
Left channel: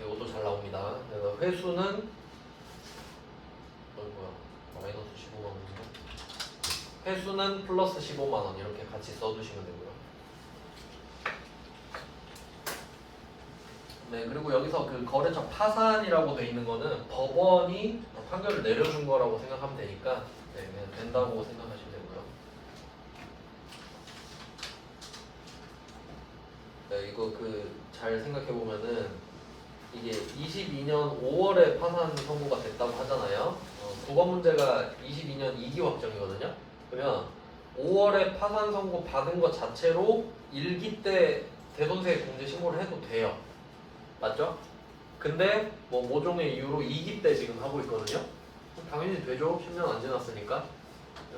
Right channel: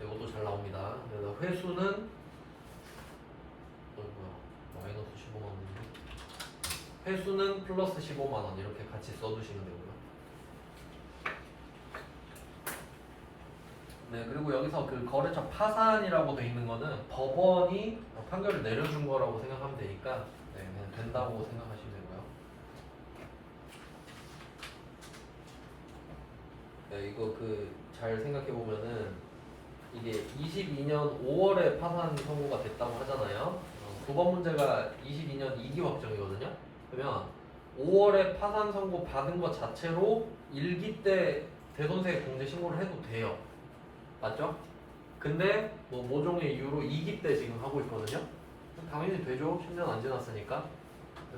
이것도 잘 나옵니다. 그래서 회수는 마이너스 15만 원인데 회수는 플러스 15만 원 이렇게 같이 써두시면 되고요. 네, 그리고 여기서 그 거래처 파산이라고 돼 있는 거는 법원이 판결을 내려준 거라고 생각하면 되니까 네, 그냥 된다고 생각하시면 되고요. 네, 이거 잘 생각해 보면은 이게 22년 5월에 파산 선고가 됐다고 하잖아요. 9번 문제가 22년 2기 확정이거든요. 그러면 5월에 파산 선고 받은 것 자체로 1기 때 대손세 공제 신고를 해도 돼요. 맞죠? 근데 뭐 모종의 이유로 2기 때 지금 하고 있거든요. 당연히 되죠. 10년 안 지났으니까.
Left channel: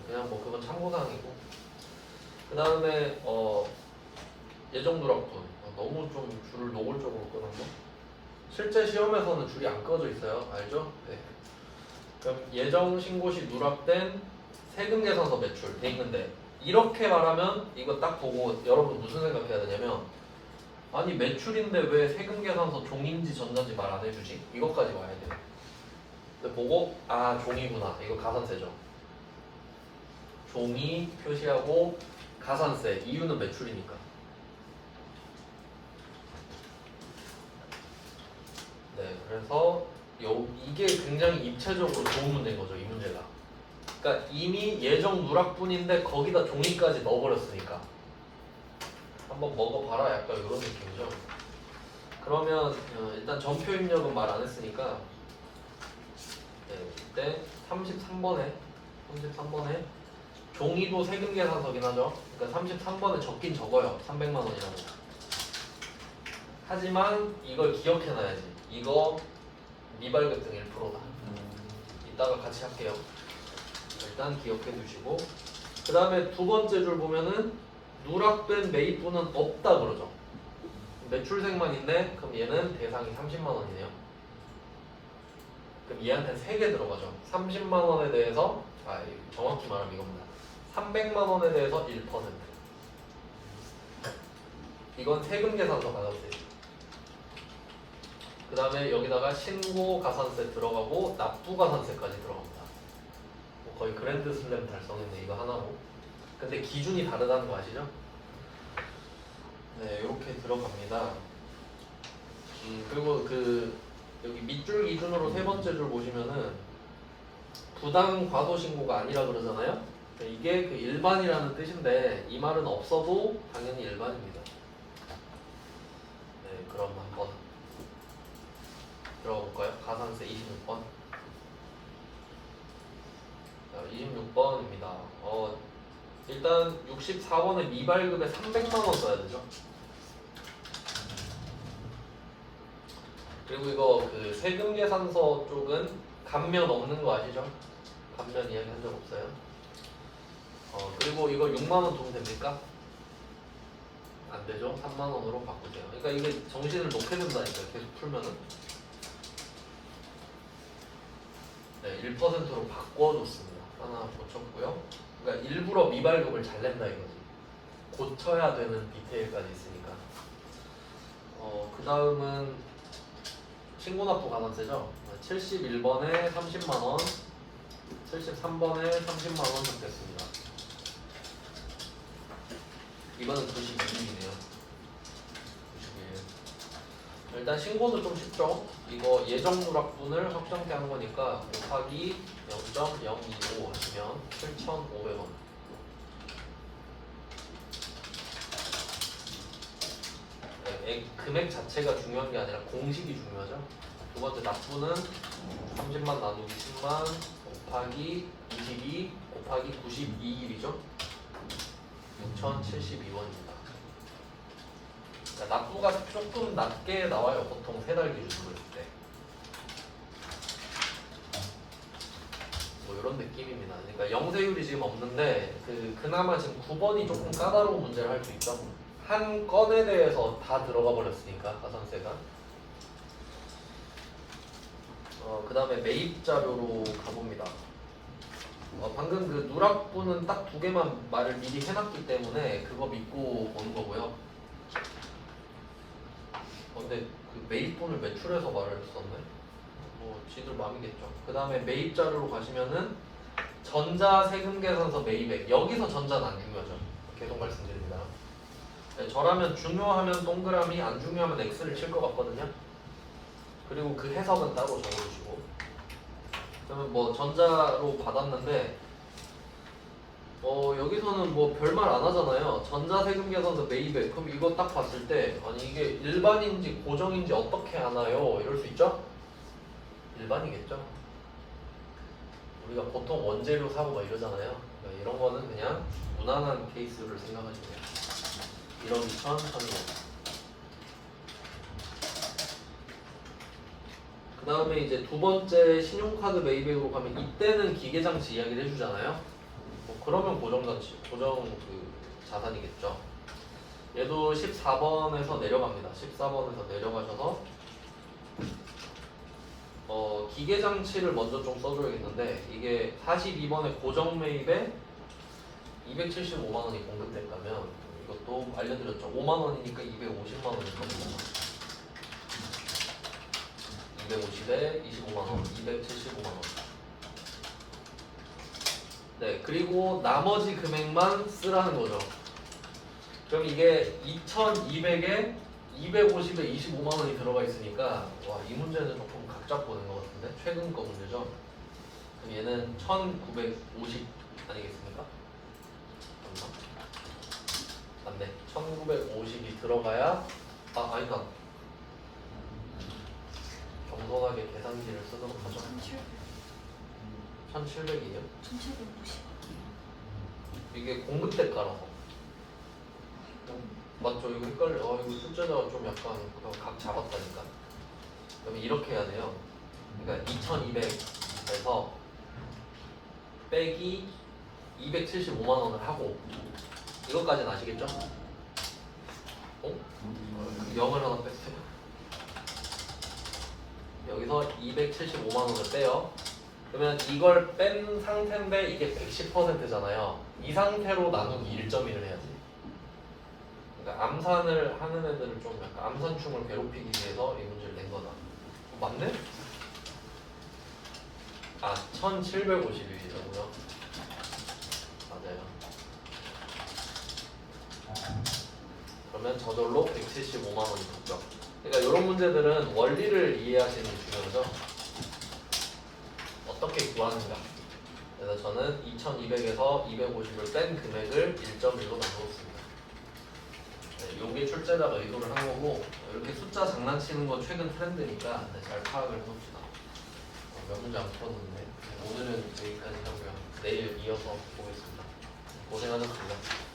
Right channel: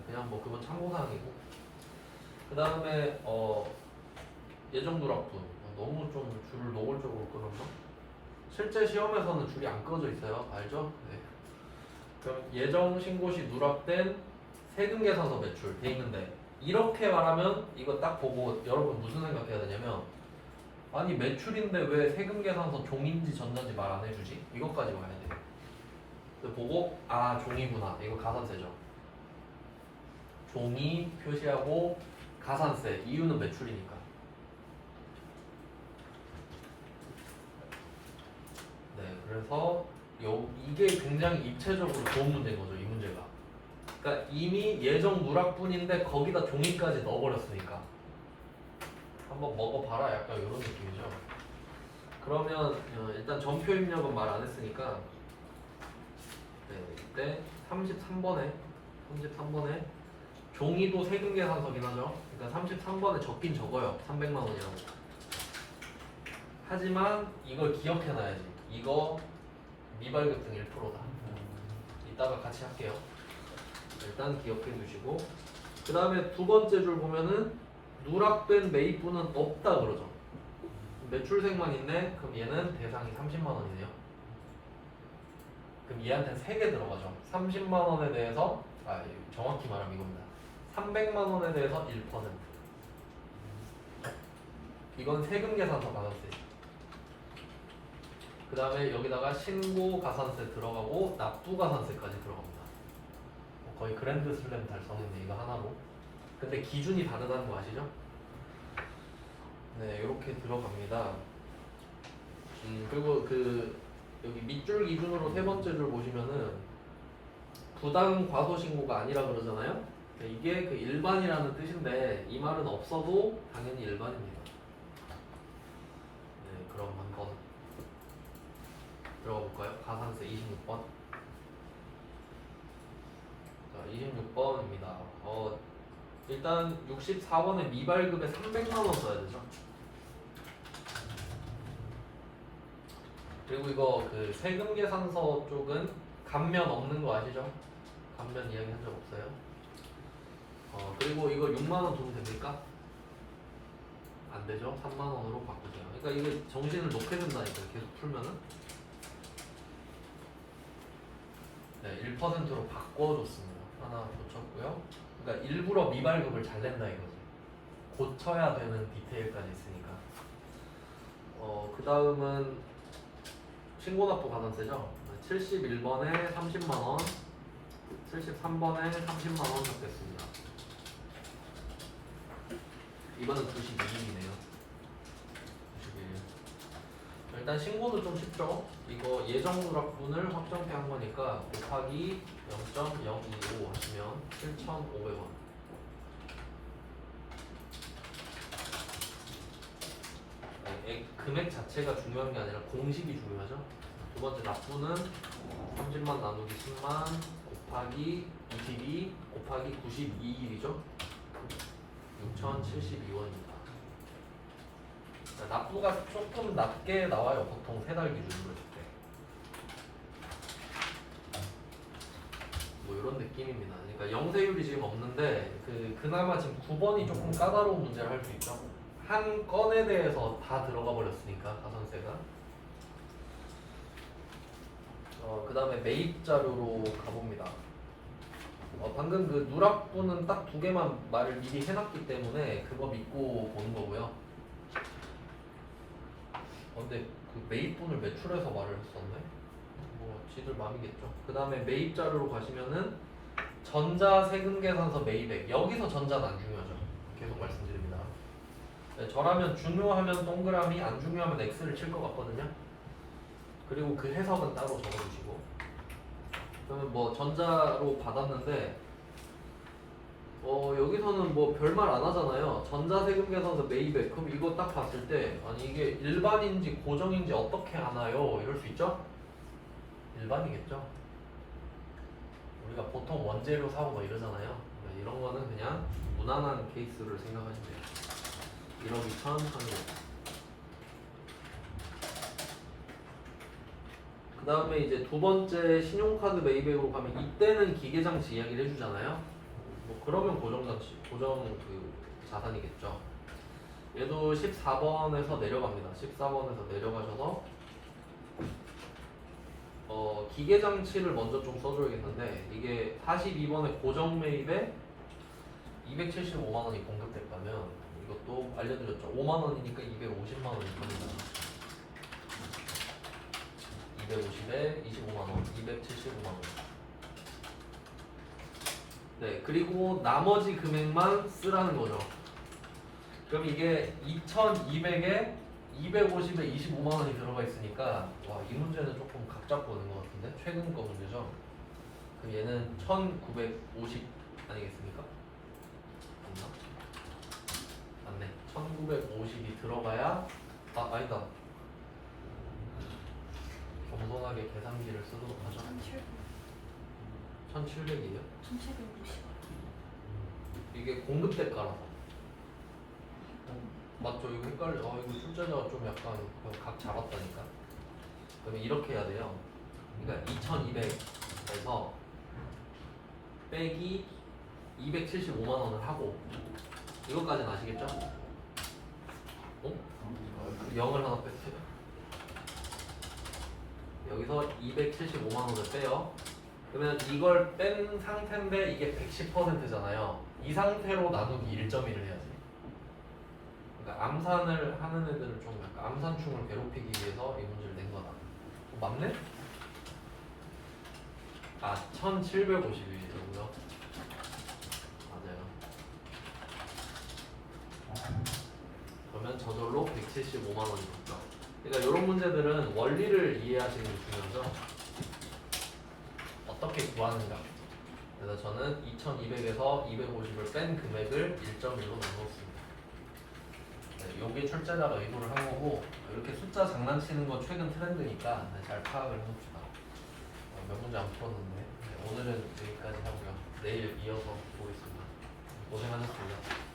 그냥 뭐 그건 참고사항이고. 그 다음에 예정 누락분. 너무 좀 줄을 노골적으로 끊었네. 실제 시험에서는 줄이 안 꺼져 있어요. 알죠? 네. 그럼 예정 신고시 누락된 세금 계산서 매출 돼 있는데 이렇게 말하면 이거 딱 보고 여러분 무슨 생각해야 되냐면 아니 매출인데 왜 세금 계산서 종인지 전자인지 말 안 해주지? 이것까지 와야 돼요. 근데 보고 종이구나. 이거 가산세죠. 종이 표시하고 가산세. 이유는 매출이니까. 네, 그래서 이게 굉장히 입체적으로 좋은 문제인 거죠. 이 문제가. 그러니까 이미 예정 누락분인데 거기다 종이까지 넣어버렸으니까 한번 먹어봐라 약간 이런 느낌이죠. 그러면 일단 전표 입력은 말 안 했으니까 이때 33번에 종이도 세금 계산서긴 하죠. 그러니까 33번에 적긴 적어요. 300만 원이라고. 하지만 이걸 기억해놔야지. 이거 미발급등 1%다. 이따가 같이 할게요. 일단 기억해 두시고, 그 다음에 두 번째 줄 보면은 누락된 매입분은 없다 그러죠. 매출생만 있네. 그럼 얘는 대상이 30만 원이네요. 그럼 얘한테 3개 들어가죠. 30만 원에 대해서 정확히 말하면 이겁니다. 300만 원에 대해서 1%. 이건 세금 계산서 가산세. 그 다음에 여기다가 신고 가산세 들어가고 납부 가산세까지 들어갑니다. 거의 그랜드 슬램 달성했네 이거 하나로. 근데 기준이 다르다는 거 아시죠? 네, 이렇게 들어갑니다. 그리고 여기 밑줄 기준으로 세 번째 줄 보시면은 부당 과소 신고가 아니라 그러잖아요. 이게 그 일반이라는 뜻인데 이 말은 없어도 당연히 일반입니다. 네, 그럼 한번 들어가 볼까요? 가산세 26번. 자, 26번입니다. 일단 64번에 미발급에 300만 원 써야 되죠. 그리고 이거 그 세금 계산서 쪽은 감면 없는 거 아시죠? 감면 이야기 한 적 없어요. 그리고 이거 6만 원 돈 됩니까? 안 되죠. 3만 원으로 바꾸세요. 그러니까 이게 정신을 놓게 된다니까요. 계속 풀면은. 네, 1%로 바꿔줬습니다. 하나 고쳤고요. 그러니까 일부러 미발급을 잘 낸다 이거지. 고쳐야 되는 디테일까지 있으니까. 그 다음은 신고납부 가산세죠. 71번에 30만 원, 73번에 30만 원 줬겠습니다. 이번은 91일이네요. 91일. 일단 신고도 좀 쉽죠. 이거 예정 누락분을 확정케 한 거니까 곱하기 0.025 하시면 7,500원. 금액 자체가 중요한 게 아니라 공식이 중요하죠. 두 번째 납부는 30만 나누기 10만 곱하기 22 곱하기 92일이죠. 6,072원입니다. 납부가 조금 낮게 나와요. 보통 3달 기준으로 볼 때. 뭐 이런 느낌입니다. 그러니까 영세율이 지금 없는데 그나마 지금 9번이 조금 까다로운 문제를 할 수 있죠. 한 건에 대해서 다 들어가 버렸으니까 가산세가. 그 다음에 매입 자료로 가봅니다. 방금 그 누락분은 딱 2개만 말을 미리 해놨기 때문에 그거 믿고 보는 거고요. 근데 그 매입분을 매출해서 말을 했었네. 뭐 지들 마음이겠죠. 그 다음에 매입 자료로 가시면은 전자세금계산서 매입액. 여기서 전자는 안 중요하죠. 계속 말씀드립니다. 네, 저라면 중요하면 동그라미, 안 중요하면 X를 칠 것 같거든요. 그리고 그 해석은 따로 적어주시고. 그러면 뭐 전자로 받았는데 여기서는 뭐 별말 안 하잖아요. 전자세금 계산서 매입액. 그럼 이거 딱 봤을 때 아니 이게 일반인지 고정인지 어떻게 아나요? 이럴 수 있죠? 일반이겠죠. 우리가 보통 원재료 사고 뭐 이러잖아요. 그러니까 이런 거는 그냥 무난한 케이스를 생각하시면 돼요. 1억 2천 3개. 그 다음에 이제 두 번째 신용카드 매입액으로 가면 이때는 기계장치 이야기를 해주잖아요. 뭐 그러면 고정 그 자산이겠죠. 얘도 14번에서 내려갑니다. 14번에서 내려가셔서 기계장치를 먼저 좀 써줘야겠는데 이게 42번에 고정 매입에 275만 원이 공급됐다면 이것도 알려드렸죠. 5만 원이니까 250만 원일 겁니다. 250에 25만 원, 275만 원. 네, 그리고 나머지 금액만 쓰라는 거죠. 그럼 이게 2,200에 250에 25만 원이 들어가 있으니까 와, 이 문제는 조금 각 잡고 오는 것 같은데 최근 거 문제죠. 그럼 얘는 1,950 아니겠습니까? 맞네. 1950이 들어가야 아니다. 겸손하게 계산기를 쓰도록 하죠. 1700이에요? 1750. 이게 공급 때 깔아서. 맞죠? 이거 헷갈려. 이거 숫자가 좀 약간 각 잡았다니까. 그러면 이렇게 해야 돼요. 그러니까 2200에서 빼기 275만 원을 하고 이것까지는 아시겠죠? 0을 하나 뺐어요. 여기서 275만 원을 빼요. 그러면 이걸 뺀 상태인데 이게 110%잖아요. 이 상태로 나누기 1.1을 해야지. 그러니까 암산을 하는 애들을 좀 약간 암산충을 괴롭히기 위해서 이 문제를 낸 거다. 맞네? 1750일이라고요? 맞아요. 그러면 저절로 175만 원이 붙죠. 그러니까 이런 문제들은 원리를 이해하시는 게 중요하죠. 어떻게 구하는가. 그래서 저는 2200에서 250을 뺀 금액을 1.1로 나누었습니다. 이게 출제자가 의도를 한 거고, 이렇게 숫자 장난치는 거 최근 트렌드니까 잘 파악을 해봅시다. 몇 문제 안 풀었는데 오늘은 여기까지 하고요. 내일 이어서 보겠습니다. 고생하셨습니다.